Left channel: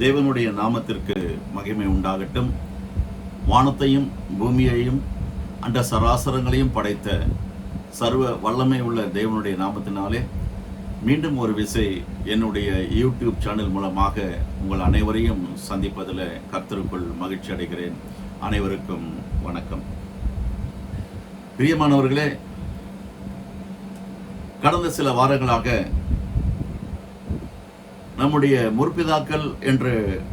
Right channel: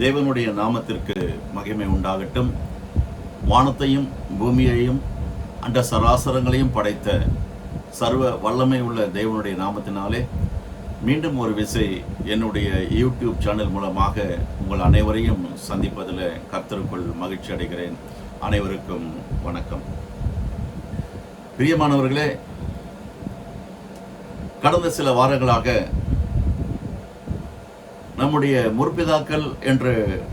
தேவனுடைய நாமத்திற்கு மகிமை உண்டாகட்டும். வானத்தையும் பூமியையும் அண்ட சராசரங்களையும் படைத்த சர்வ வல்லமை உள்ள தேவனுடைய நாமத்தினாலே மீண்டும் ஒரு விசை என்னுடைய யூடியூப் சேனல் மூலமாக உங்கள் அனைவரையும் சந்திப்பதில் கர்த்தருக்குள் மகிழ்ச்சி அடைகிறேன். அனைவருக்கும் வணக்கம். பிரியமானவர்களே, கடந்த சில வாரங்களாக நம்முடைய முற்பிதாக்கள் என்று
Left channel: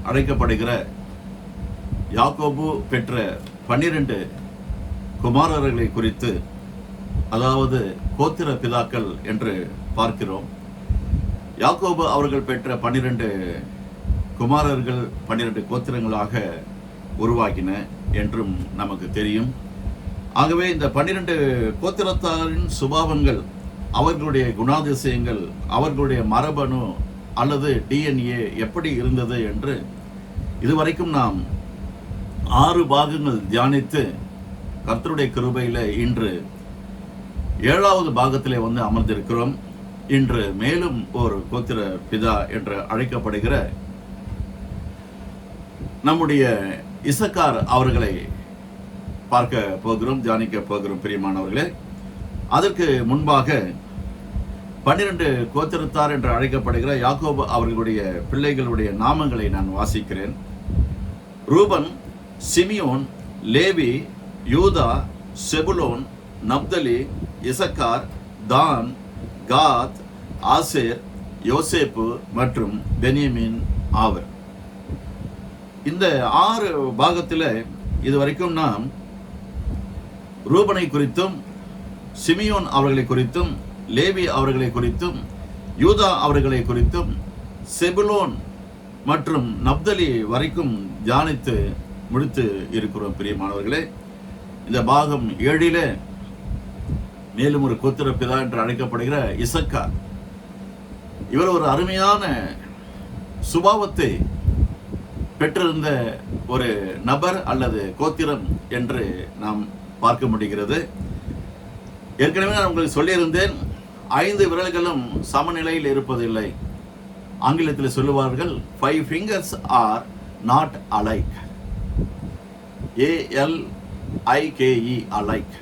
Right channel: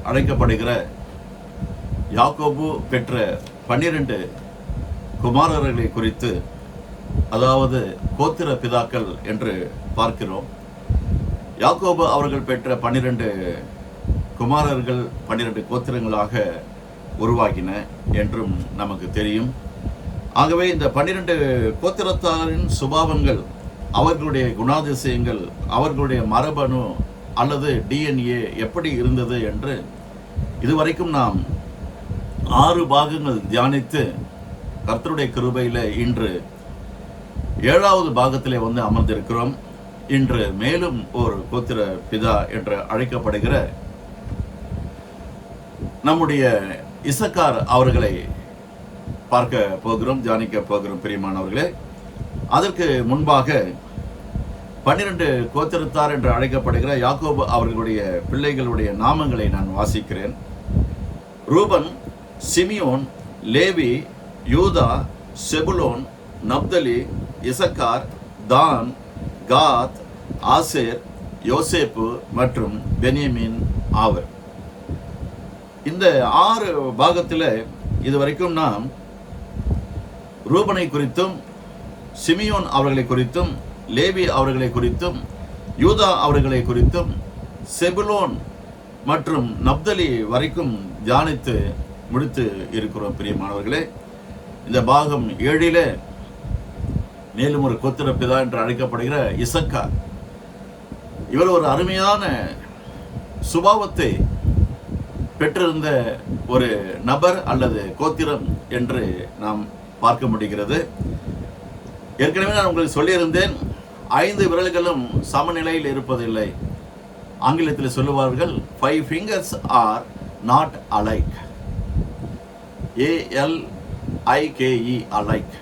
அழைக்கப்படுகிற யாக்கோபு பெற்ற 12 குமாரர்களை குறித்து, அதாவது கோத்திர பிதாக்கள் என்று பார்க்கிறோம். யாக்கோபு அவர்கள் பெற்ற 12 குமாரர்கள் 12 கோத்திரங்களாக உருவாகின என்றும் நமக்கு தெரியும். ஆகவே இந்த 12 கோத்திரத்தாரின் சுபாவங்கள், அவர்களுடைய குணாதிசயங்கள், அவர்களுடைய மரபணு அல்லது DNA எப்படி இருந்தது என்று இதுவரைக்கும் நாம் 6 பாகங்கள் தியானித்து கர்த்தருடைய கிருபையில இன்று 7வது பாகத்திலே வந்து அமர்ந்திருக்கிறோம். இன்று மேலும் ஒரு கோத்திர பிதா என்று அழைக்கப்படுகிற நம்முடைய இசக்கார் அவர்களை பார்க்க போகிறோம், தியானிக்க போகிறோம். பிரியமானவர்களே, அதற்கு முன்பாக 12 கோத்திரத்தார் என்று அழைக்கப்படுகிற யாக்கோபு அவர்களுடைய பிள்ளைகளுடைய நாமங்களை நான் வாசிக்கிறேன். ரூபன், சிமியோன், லேவி, யூதா, செபுலோன், நப்தலி, இசக்கார், தான், காத், ஆசேர், யோசேப்பு மற்றும் பென்யமீன் ஆவர். இந்த 6 பாகத்தில் இதுவரைக்கும் நாம் ரூபனை குறித்தும், சிமியோன் அவர்களை குறித்தும், லேவி அவர்களை குறித்தும், யூதா அவர்களை குறித்தும், செபுலோன் மற்றும் நப்தலி வரைக்கும் தியானித்து முடித்து இருக்கிறோம். பிரியமானவர்களே, இந்த பாகம் 7ல் மேலும் ஒரு கோத்திர பிதா என்று அழைக்கப்படுகிற இசக்கார், இவர் ஒரு அருமையான சுபாவத்தை பெற்றிருந்த ஒரு நபர் அல்லது கோத்திரம் என்று நாம் பார்க்க முடிகிறது. ஏற்கனவே நான் உங்களுக்கு சொல்லியிருந்தேன், 5 விரல்களும் சமநிலையில் இருப்பதில்லை. ஆங்கிலத்தில் சொல்லுவார்கள் 5 fingers are not alike. ALIKE alike.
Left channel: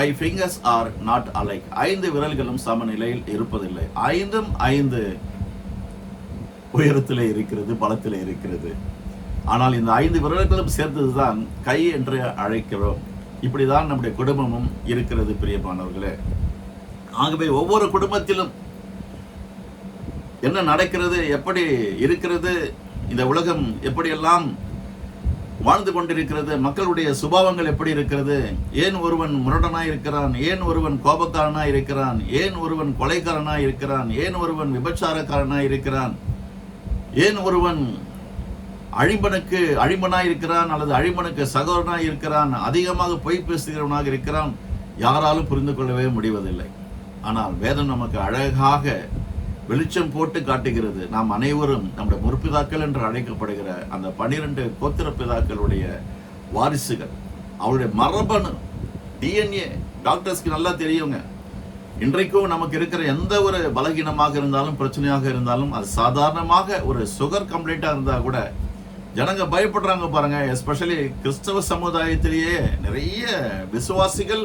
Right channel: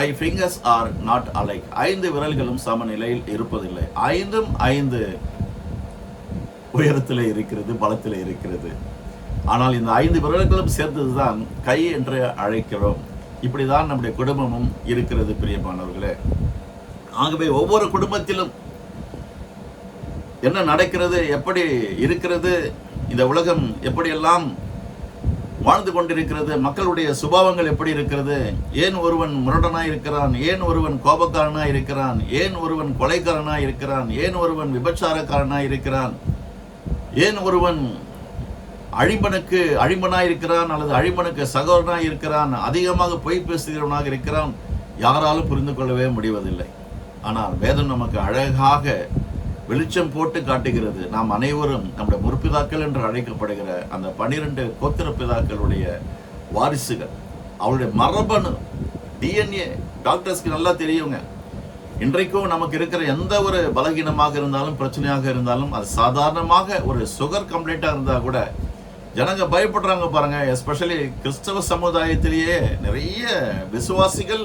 5 fingers are not alike. 5 விரல்களும் சமநிலையில் இருப்பதில்லை. 5ம் 5 உயரத்தில் இருக்கிறது, பலத்தில் இருக்கிறது. ஆனால் இந்த 5 விரல்களும் சேர்ந்ததுதான் கை என்று அழைக்கிறோம். இப்படிதான் நம்முடைய குடும்பமும் இருக்கிறது. பிரியமானவர்களே, ஆகவே ஒவ்வொரு குடும்பத்திலும் என்ன நடக்கிறது, எப்படி இருக்கிறது, இந்த உலகம் எப்படியெல்லாம் வாழ்ந்து கொண்டிருக்கிறது, மக்களுடைய சுபாவங்கள் எப்படி இருக்கிறது, ஏன் ஒருவன் முரடனாய் இருக்கிறான், ஏன் ஒருவன் கோபக்காரனாய் இருக்கிறான், ஏன் ஒருவன் கொலைக்காரனாய் இருக்கிறான், ஏன் ஒருவன் விபச்சாரக்காரனாய் இருக்கிறான், ஏன் ஒருவன் அழிமனாய் இருக்கிறான் அல்லது அழிமனுக்கு சகோதரனாய் இருக்கிறான், அதிகமாக பொய் பேசுகிறவனாக இருக்கிறான், யாராலும் புரிந்து கொள்ளவே முடிவதில்லை. ஆனால் வேதம் நமக்கு அழகாக வெளிச்சம் போட்டு காட்டுகிறது. நாம் அனைவரும் நம்முடைய முற்பிதாக்கள் என்று அழைக்கப்படுகிற அந்த 12 கோத்திர பிதாக்களுடைய வாரிசுகள். அவருடைய மரபணு DNA டாக்டர்ஸ்க்கு நல்லா தெரியுங்க. இன்றைக்கும் நமக்கு இருக்கிற எந்த ஒரு பலகீனமாக இருந்தாலும், பிரச்சனையாக இருந்தாலும், அது சாதாரணமாக ஒரு சுகர் கம்ப்ளைண்டாக இருந்தால் கூட ஜனங்க பயப்படுறாங்க பாருங்க. எஸ்பெஷலி கிறிஸ்தவ சமுதாயத்திலேயே நிறைய விசுவாசிகள்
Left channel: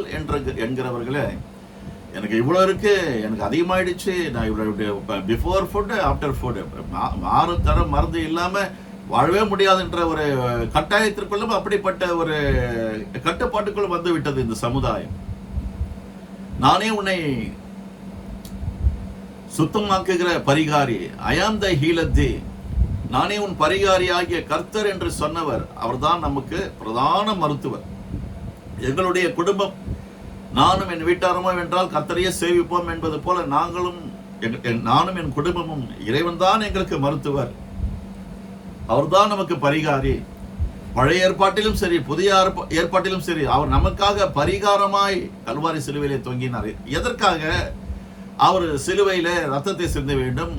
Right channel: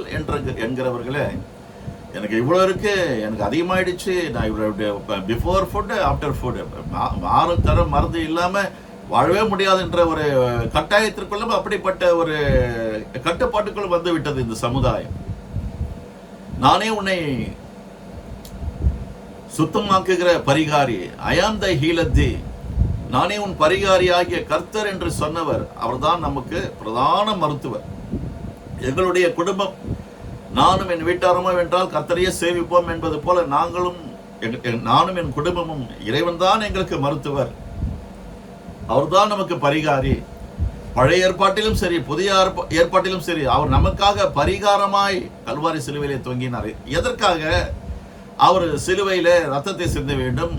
என்கிறவர்களே, எனக்கு இவ்வளோ இருக்கு, எனக்கு அதிகமாயிடுச்சு, நான் இவ்வளோ பிஃபோர் ஃபுட் ஆஃப்டர் ஃபுட் தர மருந்து இல்லாமல் வாழவே முடியாதுன்ற ஒரு கட்டாயத்திற்குள்ளும், அப்படிப்பட்ட ஒரு கட்டுப்பாட்டுக்குள் வந்து விட்டது இந்த சமுதாயம். நானே உன்னை சுத்தமாக்குகிற பரிகாரி, ஐ ஆம் த ஹீலர் தி, நானே உன் பரிகாரி ஆகிய கர்த்தர் என்று சொன்னவர். அவர்தான் நமக்கு பிரதான மருத்துவர். எங்களுடைய குடும்பம், நானும் என் வீட்டாரமோ என்றால் கர்த்தரையே சேவிப்போம் என்பது போல நானும் என் குடும்பமும், இறைவன் தான் எங்களுக்கு மருத்துவர். அவர்தான் நமக்கு பரிகாரி. பழைய ஏற்பாட்டிலும் சரி, புதிய ஏற்பாட்டிலும் சரி, அவர் நமக்காக பரிகாரமாய் கல்வாரி சிலுவையிலே தொங்கினார். எதற்காக? அவர் சிலுவையில ரத்தத்தை சிந்த வேண்டும்,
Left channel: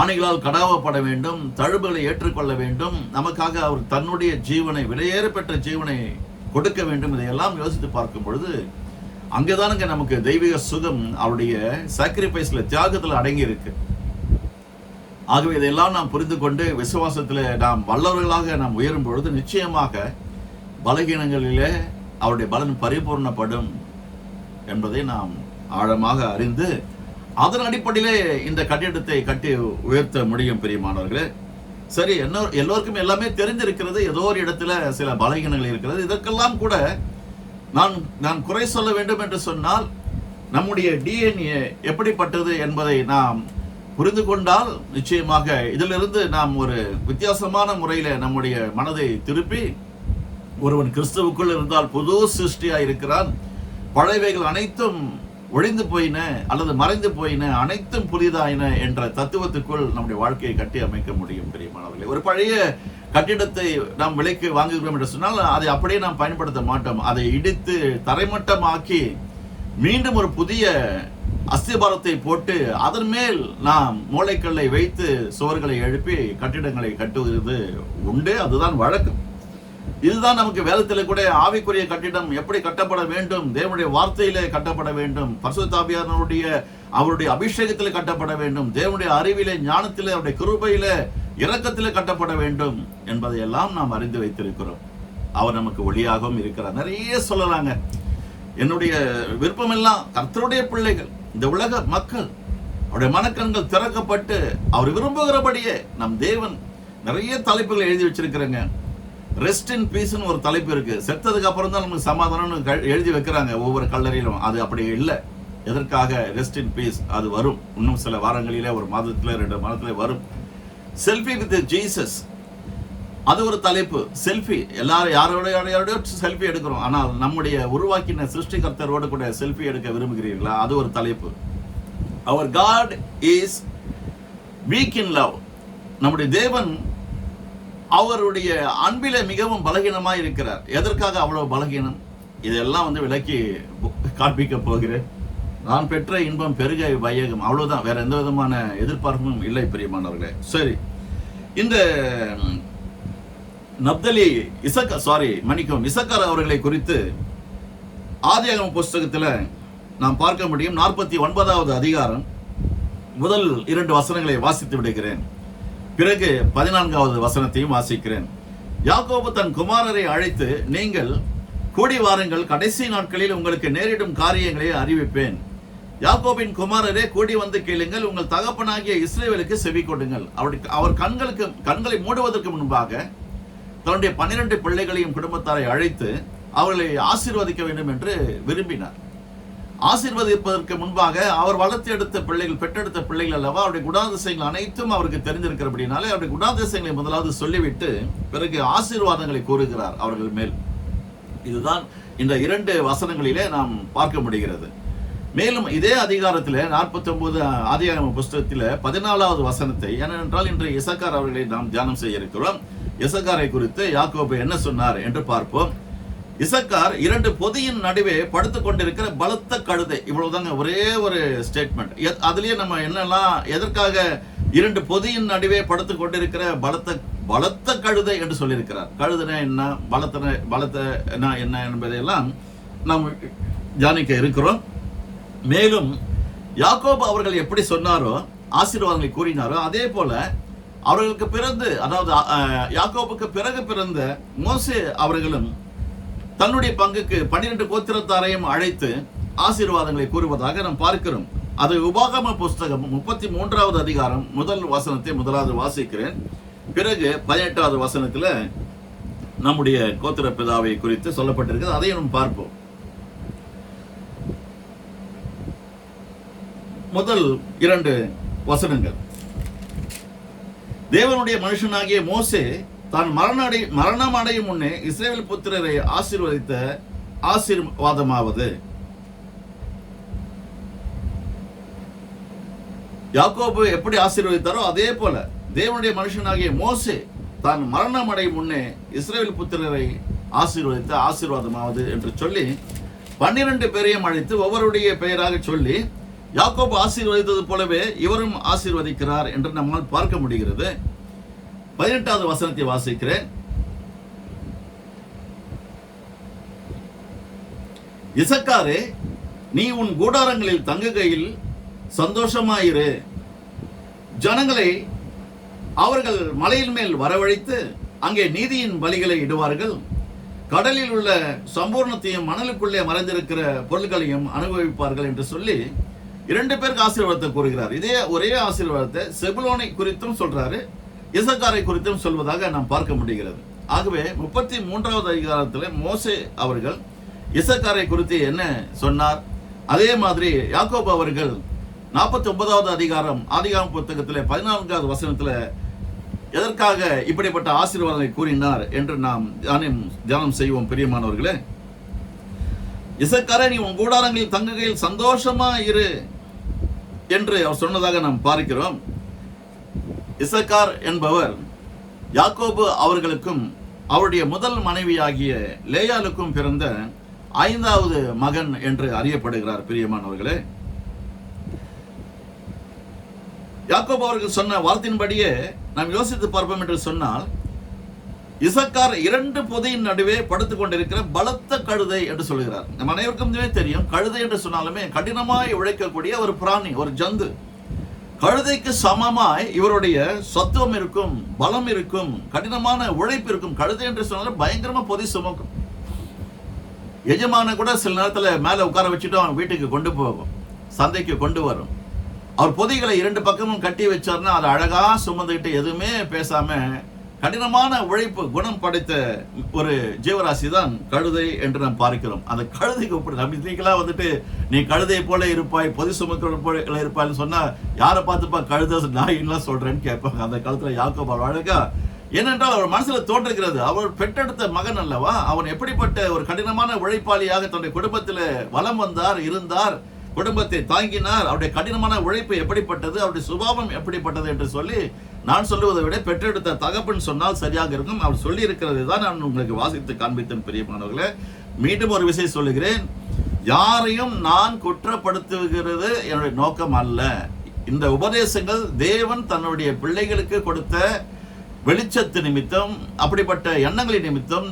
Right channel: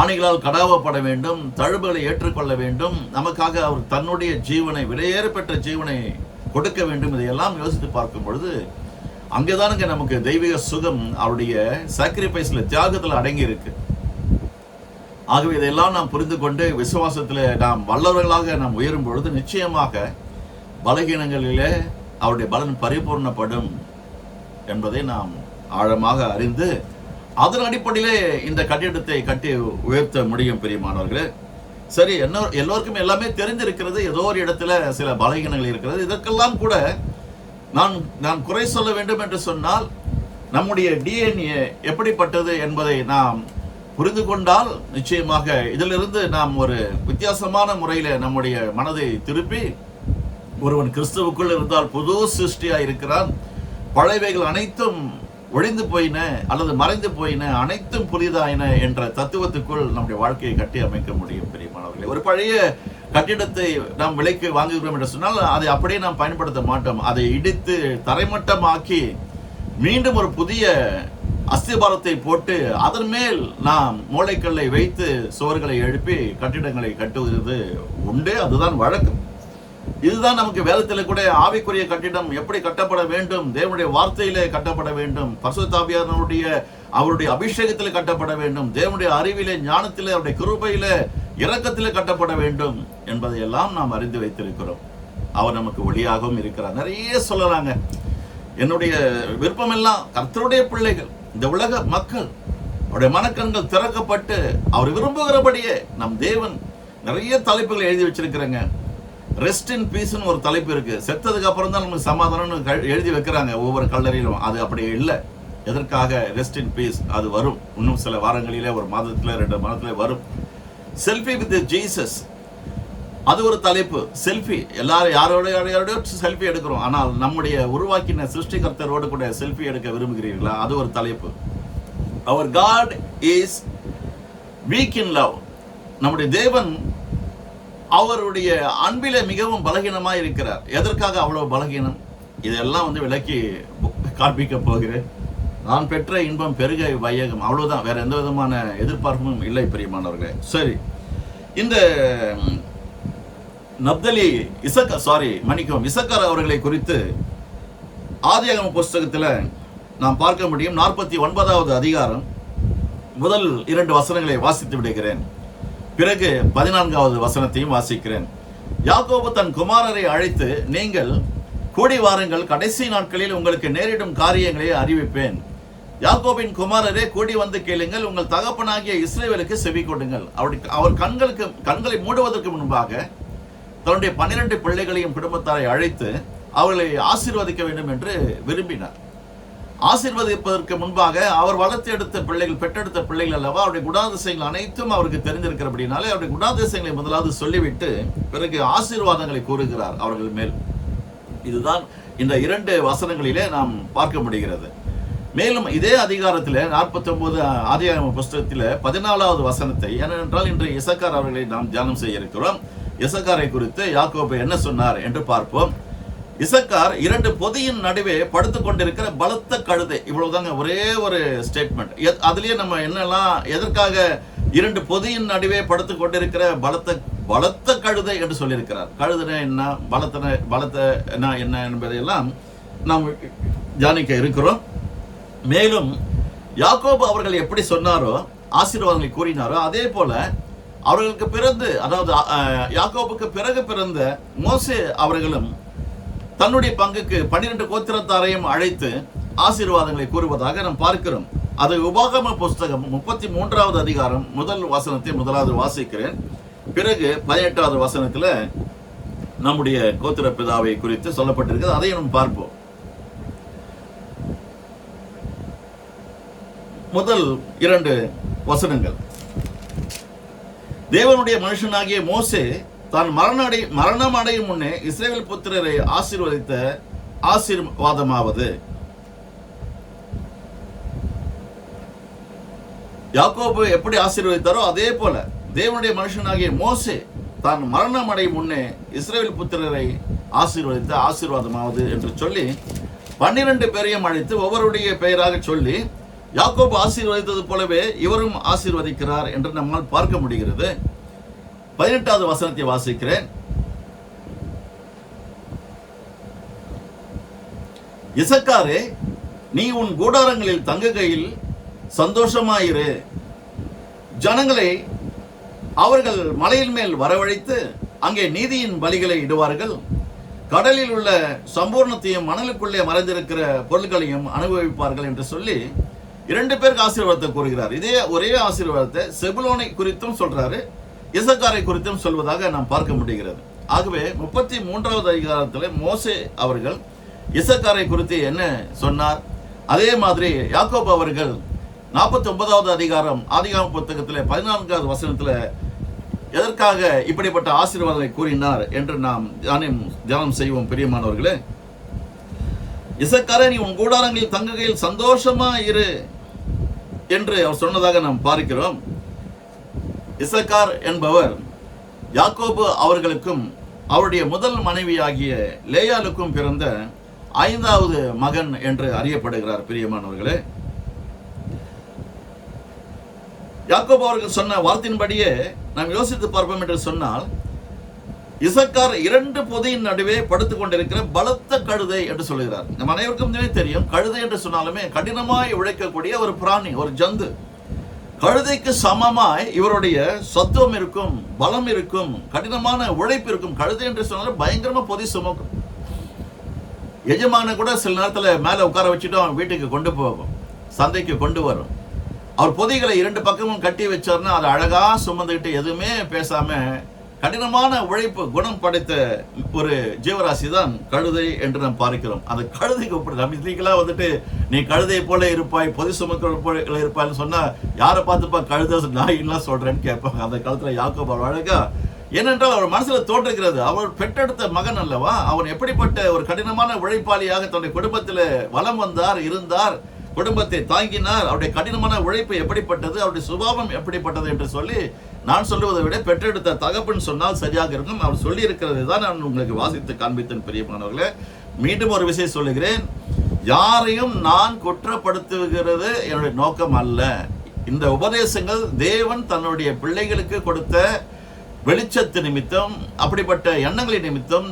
ஆணிகளால் கடாவப்பட வேண்டும், தழும்புகளை ஏற்றுக்கொள்ள வேண்டும், நமக்காக அவர் தன்னுடைய ஜீவனை, விலையேறப்பெற்ற ஜீவனை கொடுக்க வேண்டும். இதையெல்லாம் யோசித்து பார்க்கும் பொழுது அங்கேதானுங்க நமக்கு தெய்வீக சுகம் அவருடைய சாக்ரிஃபைஸ்ல, தியாகத்தில் அடங்கி இருக்கு. ஆகவே இதையெல்லாம் நாம் புரிந்து கொண்டு விசுவாசத்தில் நாம் வல்லவர்களாக நாம் உயரும் பொழுது நிச்சயமாக பலகீனங்களிலே அவருடைய பலன் பரிபூர்ணப்படும் என்பதை நாம் ஆழமாக அறிந்து அதன் அடிப்படையிலே இந்த கட்டிடத்தை கட்டி உயர்த்த முடியும். பிரியமானவர்களே, சரி, எல்லோருக்கும் எல்லாமே தெரிந்திருக்கிறது. ஏதோ ஒரு இடத்துல சில பலகீனங்கள் இருக்கிறது. இதற்கெல்லாம் கூட நான் குறை சொல்ல வேண்டும் என்று சொன்னால் நம்முடைய டிஎன்ஏ எப்படிப்பட்டது என்பதை நாம் புரிந்து கொண்டால் நிச்சயமாக இதிலிருந்து நாம் ஒரு வித்தியாசமான முறையில நம்முடைய மனதை திருப்பி, ஒருவன் கிறிஸ்துவுக்குள் இருந்தால் புது சிருஷ்டியா இருக்கிறான், பழையவைகள் அனைத்தும் ஒழிந்து போயின அல்லது மறைந்து போயின, அனைத்தும் புதிதாயின என்ற தத்துவத்துக்குள் நம்முடைய வாழ்க்கையை கட்டி அமைக்க முடியும். பிரியமானவர்களே, ஒரு பழைய கட்டிடத்தை நாம் விலைக்கு வாங்குகிறோம் என்று சொன்னால் அதை அப்படியே நாம் பயன்படுத்த மாட்டோம். அதை இடித்து தரைமட்டமாக்கி மீண்டும் ஒரு புதிய அஸ்திபாரத்தை போட்டு அதன் மேல் நாம் மூளைக்கல்லை வைத்து சுவர்களை எழுப்பி கட்டிடங்களை கட்டுவது உண்டு. அதுதான் வழக்கம். இதுதான் நமக்கு வேதத்தில் கூட ஆவிக்குரிய கட்டிடம் எப்படி கட்டப்பட வேண்டும், தேவனுடைய வார்த்தையிலே கட்டப்பட வேண்டும், பரிசுத்த ஆவியானவருடைய அவருடைய அபிஷேகத்தில் கட்டப்பட வேண்டும், தேவனுடைய அறிவிலே, ஞானத்திலே, அவருடைய கிருபையிலே, இரக்கத்திலே கட்டப்பட வேண்டும் என்பதையெல்லாம் நாம் அறிந்து வைத்திருக்கிறோம். அவர் நமக்கு ஒளியாகவும் இருக்கிறார். நிறைய சொல்லலாங்க. என்னுடைய விருப்பமெல்லாம் கர்த்தருடைய பிள்ளைகள், இந்த உலக மக்கள், அவருடைய மனக்கண்கள் திறக்கப்பட்டு அவர் விரும்புகிறபடியே நம் தேவன் நிறைய தலைப்புகள் எழுதி வச்சிருக்கிறேங்க. ரெஸ்ட் இன் பீஸ்னு ஒரு தலைப்பு இருக்கு. செத்ததுக்கு அப்புறம் தான் நமக்கு சமாதானம்னு எழுதி வைக்கிறாங்க ஒவ்வொரு கல்லறையிலும். அது அப்படி இல்லை. எதற்காக ரெஸ்ட் இன் பீஸ்? அது வரும் இன்னும் சில வாரங்களிலே, ஒரு மாதத்துல 2 மாதத்துல வரும். செல்ஃபி வித் ஜீசஸ், அது ஒரு தலைப்பு. செல்ஃபி, எல்லாரும் யாரோட செல்ஃபி எடுக்கிறோம். ஆனால் நம்முடைய உருவாக்கின சிருஷ்டிகர்த்தரோடு கூட செல்ஃபி எடுக்க விரும்புகிறீர்களா? அது ஒரு தலைப்பு. அவர் God is weak in love. நம்முடைய தேவன் அவருடைய அன்பில மிகவும் பலகீனமாக இருக்கிறார். எதற்காக அவ்வளவு பலகீனம்? இதெல்லாம் விலக்கி காண்பிக்க போகிறேன். நான் பெற்ற இன்பம் பெருக வையகம், அவ்வளவுதான். வேற எந்த விதமான எதிர்பார்ப்பும் இல்லை. பிரியமானவர்களே, சரி, இந்த நப்தலி இசக்கார் அவர்களை குறித்து ஆதியாகம புஸ்தகத்தில் நாம் பார்க்க முடியும். 49வது அதிகாரம் முதல் 2 வசனங்களை வாசித்து விடுகிறேன். பிறகு 14வது வசனத்தையும் வாசிக்கிறேன். யாக்கோபு தன் குமாரரை அழைத்து, நீங்கள் கூடி வாருங்கள், கடைசி நாட்களில் உங்களுக்கு நேரிடும் காரியங்களை அறிவிப்பேன். யாக்கோபின் குமாரரே, கூடி வந்து கேளுங்கள், உங்கள் தகப்பனாகிய இஸ்ரவேலுக்கு செவி கொடுங்கள். அவர் கண்களை மூடுவதற்கு முன்பாக தன்னுடைய 12 பிள்ளைகளையும் குடும்பத்தாரை அழைத்து அவர்களை ஆசீர்வதிக்க வேண்டும் என்று விரும்பினார். ஆசீர்வதிப்பதற்கு முன்பாக அவர் வளர்த்து எடுத்த பிள்ளைகள், பெற்றெடுத்த பிள்ளைகள் அல்லவா, அவருடைய குணாதிசயங்கள் அனைத்தும் அவருக்கு தெரிந்திருக்கிறபடினாலே அவருடைய குணாதிசயங்களை முதலாவது சொல்லிவிட்டு பிறகு ஆசீர்வாதங்களை கூறுகிறார் அவர்கள் மேல். இதுதான் இந்த 2 வசனங்களிலே நாம் பார்க்க முடிகிறது. மேலும் இதே அதிகாரத்தில் 49 ஆதியாகம புஸ்தகத்தில் 14வது வசனத்தை, ஏனென்றால் இன்று இசக்கார் அவர்களை நாம் தியானம் செய்ய இருக்கிறோம். இசக்காரை குறித்து யாக்கோபு என்ன சொன்னார் என்று பார்ப்போம். இசக்கார் 2 பொதியின் நடுவே படுத்துக் கொண்டிருக்கிற பலத்த கழுதை. இவ்வளவுதாங்க, ஒரே ஒரு ஸ்டேட்மெண்ட். அதுலயே நம்ம என்னெல்லாம், எதற்காக 2 பொதியின் நடுவே படுத்துக் கொண்டிருக்கிற பலத்த கழுதை என்று சொல்லியிருக்கிறார். கழுதுனா என்ன, பலத்த என்ன என்பதையெல்லாம் நாம் தியானிக்க இருக்கிறோம். மேலும் யாக்கோபு அவர்கள் எப்படி சொன்னாரோ, ஆசீர்வாதங்களை கூறினாரோ, அதே போல அவர்களுக்கு பிறந்து, அதாவது யாக்கோபுக்கு பிறகு பிறந்த மோசே அவர்களும் தன்னுடைய பங்குக்கு 12 கோத்திரத்தாரையும் அழைத்து ஆசீர்வாதங்களை கூறுவதாக நாம் பார்க்கிறோம். அது உபாகம புஸ்தகம் 33வது அதிகாரம் முதல் வசனத்தை முதலாவது வாசிக்கிறேன். பிறகு 18வது வசனத்தில் நம்முடைய கோத்திர பிதாவை குறித்து சொல்லப்பட்டிருக்கிறது. அதையும் நாம் பார்ப்போம். முதல் 2 வசனங்கள். தேவனுடைய மனுஷனாகிய மோசே தான் மரணம் அடையும் முன்னே இஸ்ரவேல் புத்திரரை ஆசீர்வதித்த ஆசீர்வாதமாவது, யாக்கோபு எப்படி ஆசீர்வதித்தாரோ அதே போல தேவனுடைய மனுஷனாகிய மோசே தான் மரணம் அடையும் முன்னே இஸ்ரவேல் புத்திரரை ஆசீர்வதித்த ஆசீர்வாதமாவது என்று சொல்லி 12 பேரையும் அழைத்து ஒவ்வொருடைய பெயராக சொல்லி, யாக்கோபு ஆசீர்வதித்தது போலவே இவரும் ஆசீர்வதிக்கிறார் என்று நம்மால் பார்க்க முடிகிறது. 18வது வசனத்தை வாசிக்கிறேன். இசக்காரே, நீ உன் கூடாரங்களில் தங்குகையில் சந்தோஷமாயிரு, ஜனங்களை அவர்கள் மலையின் மேல் வரவழைத்து அங்கே நீதியின் பலிகளை இடுவார்கள். கடலில் உள்ள சம்பூர்ணத்தையும் மணலுக்குள்ளே மறைந்திருக்கிற பொருட்களையும் அனுபவிப்பார்கள் என்று சொல்லி 2 பேருக்கு ஆசீர்வாதத்தை கூறுகிறார். இதே ஒரே ஆசீர்வாதத்தை செபுலோனை குறித்தும் சொல்றாரு, இசக்காரை குறித்தும் சொல்வதாக நாம் பார்க்க முடிகிறது. ஆகவே 33வது அதிகாரத்தில் மோசே அவர்கள் இசக்காரை குறித்து என்ன சொன்னார், அதே மாதிரி யாக்கோபு அவர்கள் 49வது அதிகாரம் ஆதிகாம புத்தகத்தில் 14வது வசனத்தில் எதற்காக இப்படிப்பட்ட ஆசீர்வாதங்களை கூறினார் என்று நாம் தியானம் செய்வோம். பிரியமானவர்களே, இசக்காரே, நீ உன் கூடாரங்களில் தங்குகையில் சந்தோஷமா இரு என்று அவர் சொன்னதாக நாம் பார்க்கிறோம். இசக்கார் என்பவர் யாக்கோபு அவர்களுக்கும் அவருடைய முதல் மனைவியாகிய லேயாளுக்கும் பிறந்த 5வது மகன் என்று அறியப்படுகிறார். பிரியமானவர்களே, யாக்கோபு அவர்கள் சொன்ன வார்த்தையின்படியே நாம் யோசித்து பார்ப்போம் என்று சொன்னால், இசக்கார் 2 பொதியின் நடுவே படுத்துக் கொண்டிருக்கிற பலத்த கழுதை என்று சொல்லுகிறார். நம்ம அனைவருக்கும் தெரியும், கழுதை என்று சொன்னாலுமே கடினமாய் உழைக்கக்கூடிய ஒரு பிராணி, ஒரு ஜந்து. கழுதைக்கு சமமாய் இவருடைய சத்துவம் இருக்கும், பலம் இருக்கும், கடினமான உழைப்பு இருக்கும். கழுதை என்று சொன்னாலும் பயங்கரமா பொதி சுமக்கும். எஜமான கூட சில நேரத்தில் மேலே உட்கார வச்சுட்டு அவன் வீட்டுக்கு கொண்டு போகும், சந்தைக்கு கொண்டு வரும். அவர் பொதிகளை 2 பக்கமும் கட்டி வச்சார்னா அதை அழகா சுமந்துக்கிட்டு எதுவுமே பேசாம கடினமான உழைப்பு குணம் படைத்த ஒரு ஜீவராசி தான் கழுதை என்று நாம் பார்க்கிறோம். அந்த கழுதைக்கு நம்ம இன்னைக்கெல்லாம் வந்துட்டு நீ கழுதையை போல இருப்பாய், பொதி சுமக்கிற போல இருப்பாய்னு சொன்னா யாரை பார்த்துப்பா கழுதை நாயின்லாம் சொல்றேன்னு கேட்பாங்க. அந்த காலத்துல யாக்கோபு அழகா, ஏனென்றால் அவர் மனசுல தோன்றுகிறது, அவர் பெற்றெடுத்த மகன் அல்லவா, அவன் எப்படிப்பட்ட ஒரு கடினமான உழைப்பாளியாக தன்னுடைய குடும்பத்தில் வலம் வந்தார், இருந்தார், குடும்பத்தை தாங்கினார். அவருடைய கடினமான உழைப்பு எப்படிப்பட்டது, அவருடைய சுபாவம் எப்படிப்பட்டது என்று சொல்லி நான் சொல்லுவதை விட பெற்றெடுத்த தகப்பன் சொன்னால் சரியாக இருக்கும். அவர் சொல்லி இருக்கிறது தான் நான் உங்களுக்கு வாசித்து காண்பித்தேன். பிரியமானவர்களே, மீண்டும் ஒரு விஷயம் சொல்லுகிறேன், யாரையும் நான் குற்றப்படுத்துகிறது என்னுடைய நோக்கம் அல்ல. இந்த உபதேசங்கள் தேவன் தன்னுடைய பிள்ளைகளுக்கு கொடுத்த வெளிச்சத்து நிமித்தம், அப்படிப்பட்ட எண்ணங்களின் நிமித்தம்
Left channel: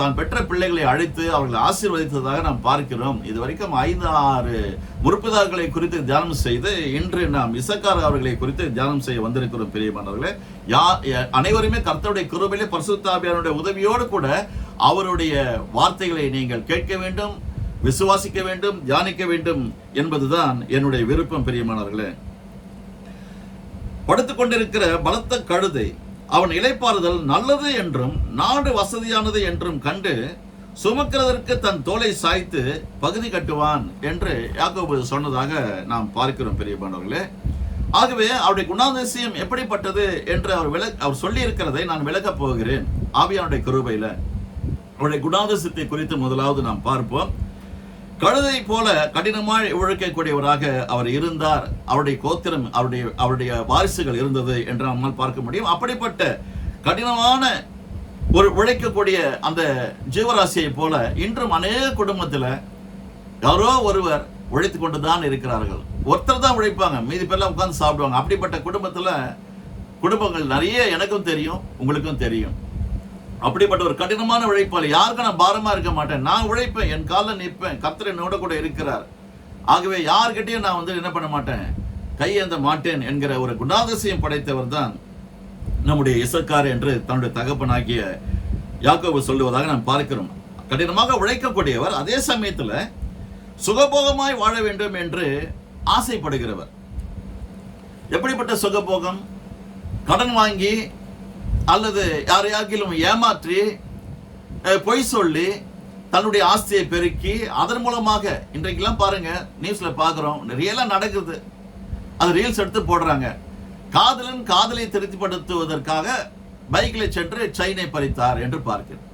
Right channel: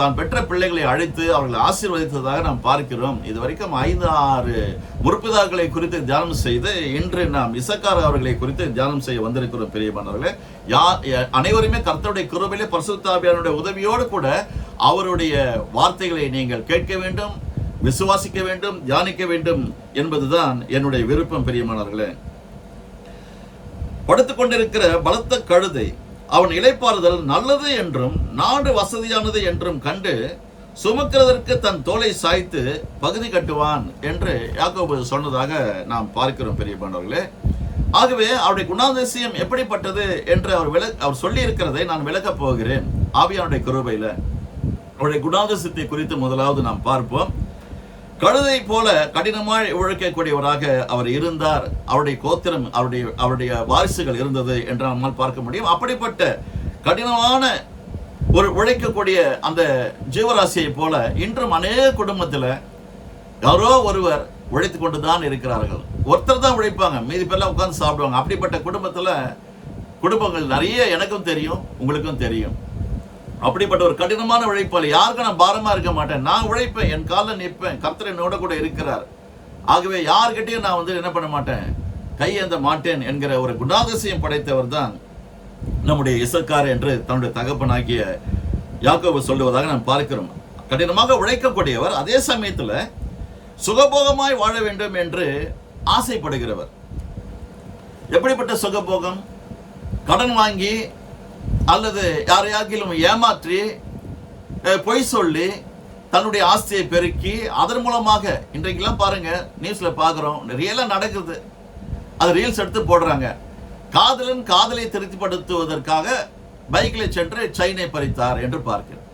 தான் பெற்ற பிள்ளைகளை அழைத்து அவர்களை ஆசீர்வதித்ததாக நாம் பார்க்கிறோம். இதுவரைக்கும் 5-6 முற்பிதாக்களை குறித்து தியானம் செய்து இன்று நாம் இசக்கார் அவர்களை குறித்து தியானம் செய்ய வந்திருக்கிறோம். பிரியமானவர்களே, அனைவருமே கர்த்தருடைய கிருபையிலே பரிசுத்த ஆவியானவருடைய உதவியோடு கூட அவருடைய வார்த்தைகளை நீங்கள் கேட்க வேண்டும், விசுவாசிக்க வேண்டும், தியானிக்க வேண்டும் என்பதுதான் என்னுடைய விருப்பம். பிரியமானவர்களே, படுத்துக் கொண்டிருக்கிற பலத்த கழுதை அவன் இளைப்பாறுதல் நல்லது என்றும் நாடு வசதியானது என்றும் கண்டு சுமக்கிறதற்கு தன் தோலை சாய்த்து பகுதி கட்டுவான் என்று யாக்கோபு சொன்னதாக நாம் பார்க்கிறோம். பிரியமானவர்களே, ஆகவே அவருடைய குணாதிசயம் எப்படிப்பட்டது என்று அவர் சொல்லி இருக்கிறதை நான் விளக்கப் போகிறேன். ஆவியானுடைய கிருபையில அவருடைய குணாதிசயத்தை குறித்து முதலாவது நாம் பார்ப்போம். கழுதை போல கடினமாய் உழைக்கக்கூடியவராக அவர் இருந்தார். அவருடைய கோத்திரம், அவருடைய வாரிசுகள் இருந்தது என்று நம்மால் பார்க்க முடியும். அப்படிப்பட்ட கடினமான ஒரு உழைக்கக்கூடிய அந்த ஜீவராசியை போல இன்றும் அநேக குடும்பத்தில் யாரோ ஒருவர் உழைத்து கொண்டு தான் இருக்கிறார்கள். ஒருத்தர் தான் உழைப்பாங்க, மீதி பேர்லாம் உட்கார்ந்து சாப்பிடுவாங்க. அப்படிப்பட்ட குடும்பங்கள் நிறைய எனக்கும் தெரியும், உங்களுக்கும் தெரியும். அப்படிப்பட்ட ஒரு கடினமான உழைப்பாளி, யாருக்கும் நான் பாரமா இருக்க மாட்டேன், நான் உழைப்பேன், என் காலில் நிற்பேன், கர்த்தர் என்னோட கூட இருக்கிறார், ஆகவே யார்கிட்டையும் நான் என்ன பண்ண மாட்டேன், கையேந்த மாட்டேன் என்கிற ஒரு குணாதிசயம் படைத்தவர் தான் நம்முடைய இசக்கார் என்று தன்னுடைய தகப்பனாகிய யாக்கோபு சொல்லுவதாக நாம் பார்க்கிறோம். கடினமாக உழைக்கக்கூடியவர், அதே சமயத்தில் சுகபோகமாய் வாழ வேண்டும் என்று ஆசைப்படுகிறவர். எப்படிப்பட்ட சுகபோகம்? கடன் வாங்கி அல்லது யாரையாகிலும் ஏமாற்றி பொய் சொல்லி தன்னுடைய ஆஸ்தியை பெருக்கி அதன் மூலமாக, இன்றைக்கெல்லாம் பாருங்க நியூஸ்ல பார்க்கிறோம், ரியலா நடக்குது, அது ரீல்ஸ் எடுத்து போடுறாங்க. காதலன் காதலை திருப்திப்படுத்துவதற்காக பைக்கில் சென்று செயினை பறித்தார் என்று பார்க்கிறோம்.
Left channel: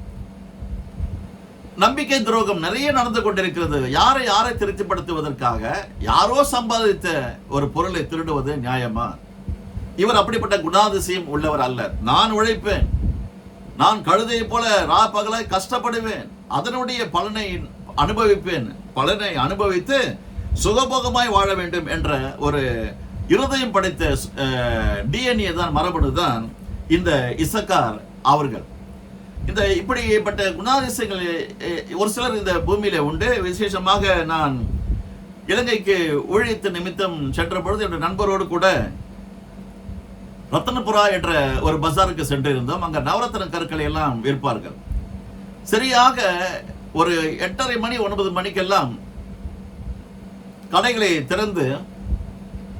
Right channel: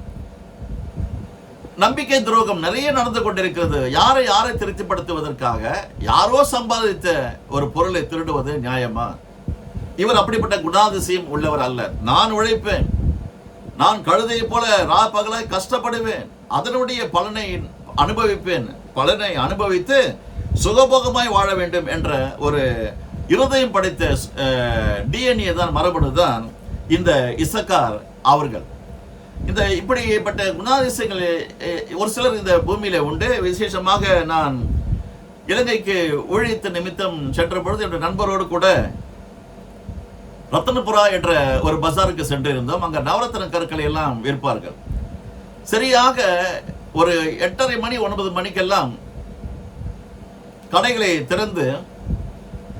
நம்பிக்கை துரோகம் நிறைய நடந்து கொண்டிருக்கிறது. யாரை திருப்திப்படுத்துவதற்காக யாரோ சம்பாதித்த ஒரு பொருளை திருடுவது நியாயமா? இவர் அப்படிப்பட்ட குணாதிசயம் உள்ளவர் அல்ல. நான் உழைப்பேன், நான் கழுதையை போல பகலாய் கஷ்டப்படுவேன், அதனுடைய பலனை அனுபவித்து சுகபோகமாய் வாழ வேண்டும் என்ற ஒரு இருதயம் படைத்த டிஎன்ஏ தான், மரபணு தான் இந்த இசக்கார் அவர்கள். இந்த இப்படிப்பட்ட குணாதிசயங்கள் ஒரு சிலர் இந்த பூமியில உண்டு. விசேஷமாக நான் இலங்கைக்கு ஊழியத்து நிமித்தம் சென்ற பொழுது என்னுடைய நண்பரோடு கூட ரத்தனபுரா என்ற ஒரு பஜாருக்கு சென்று இருந்தோம். அங்க நவரத்ன கற்களை எல்லாம் விற்பார்கள். சரியாக ஒரு 8:30 மணி 9 மணிக்கெல்லாம் கடைகளை திறந்து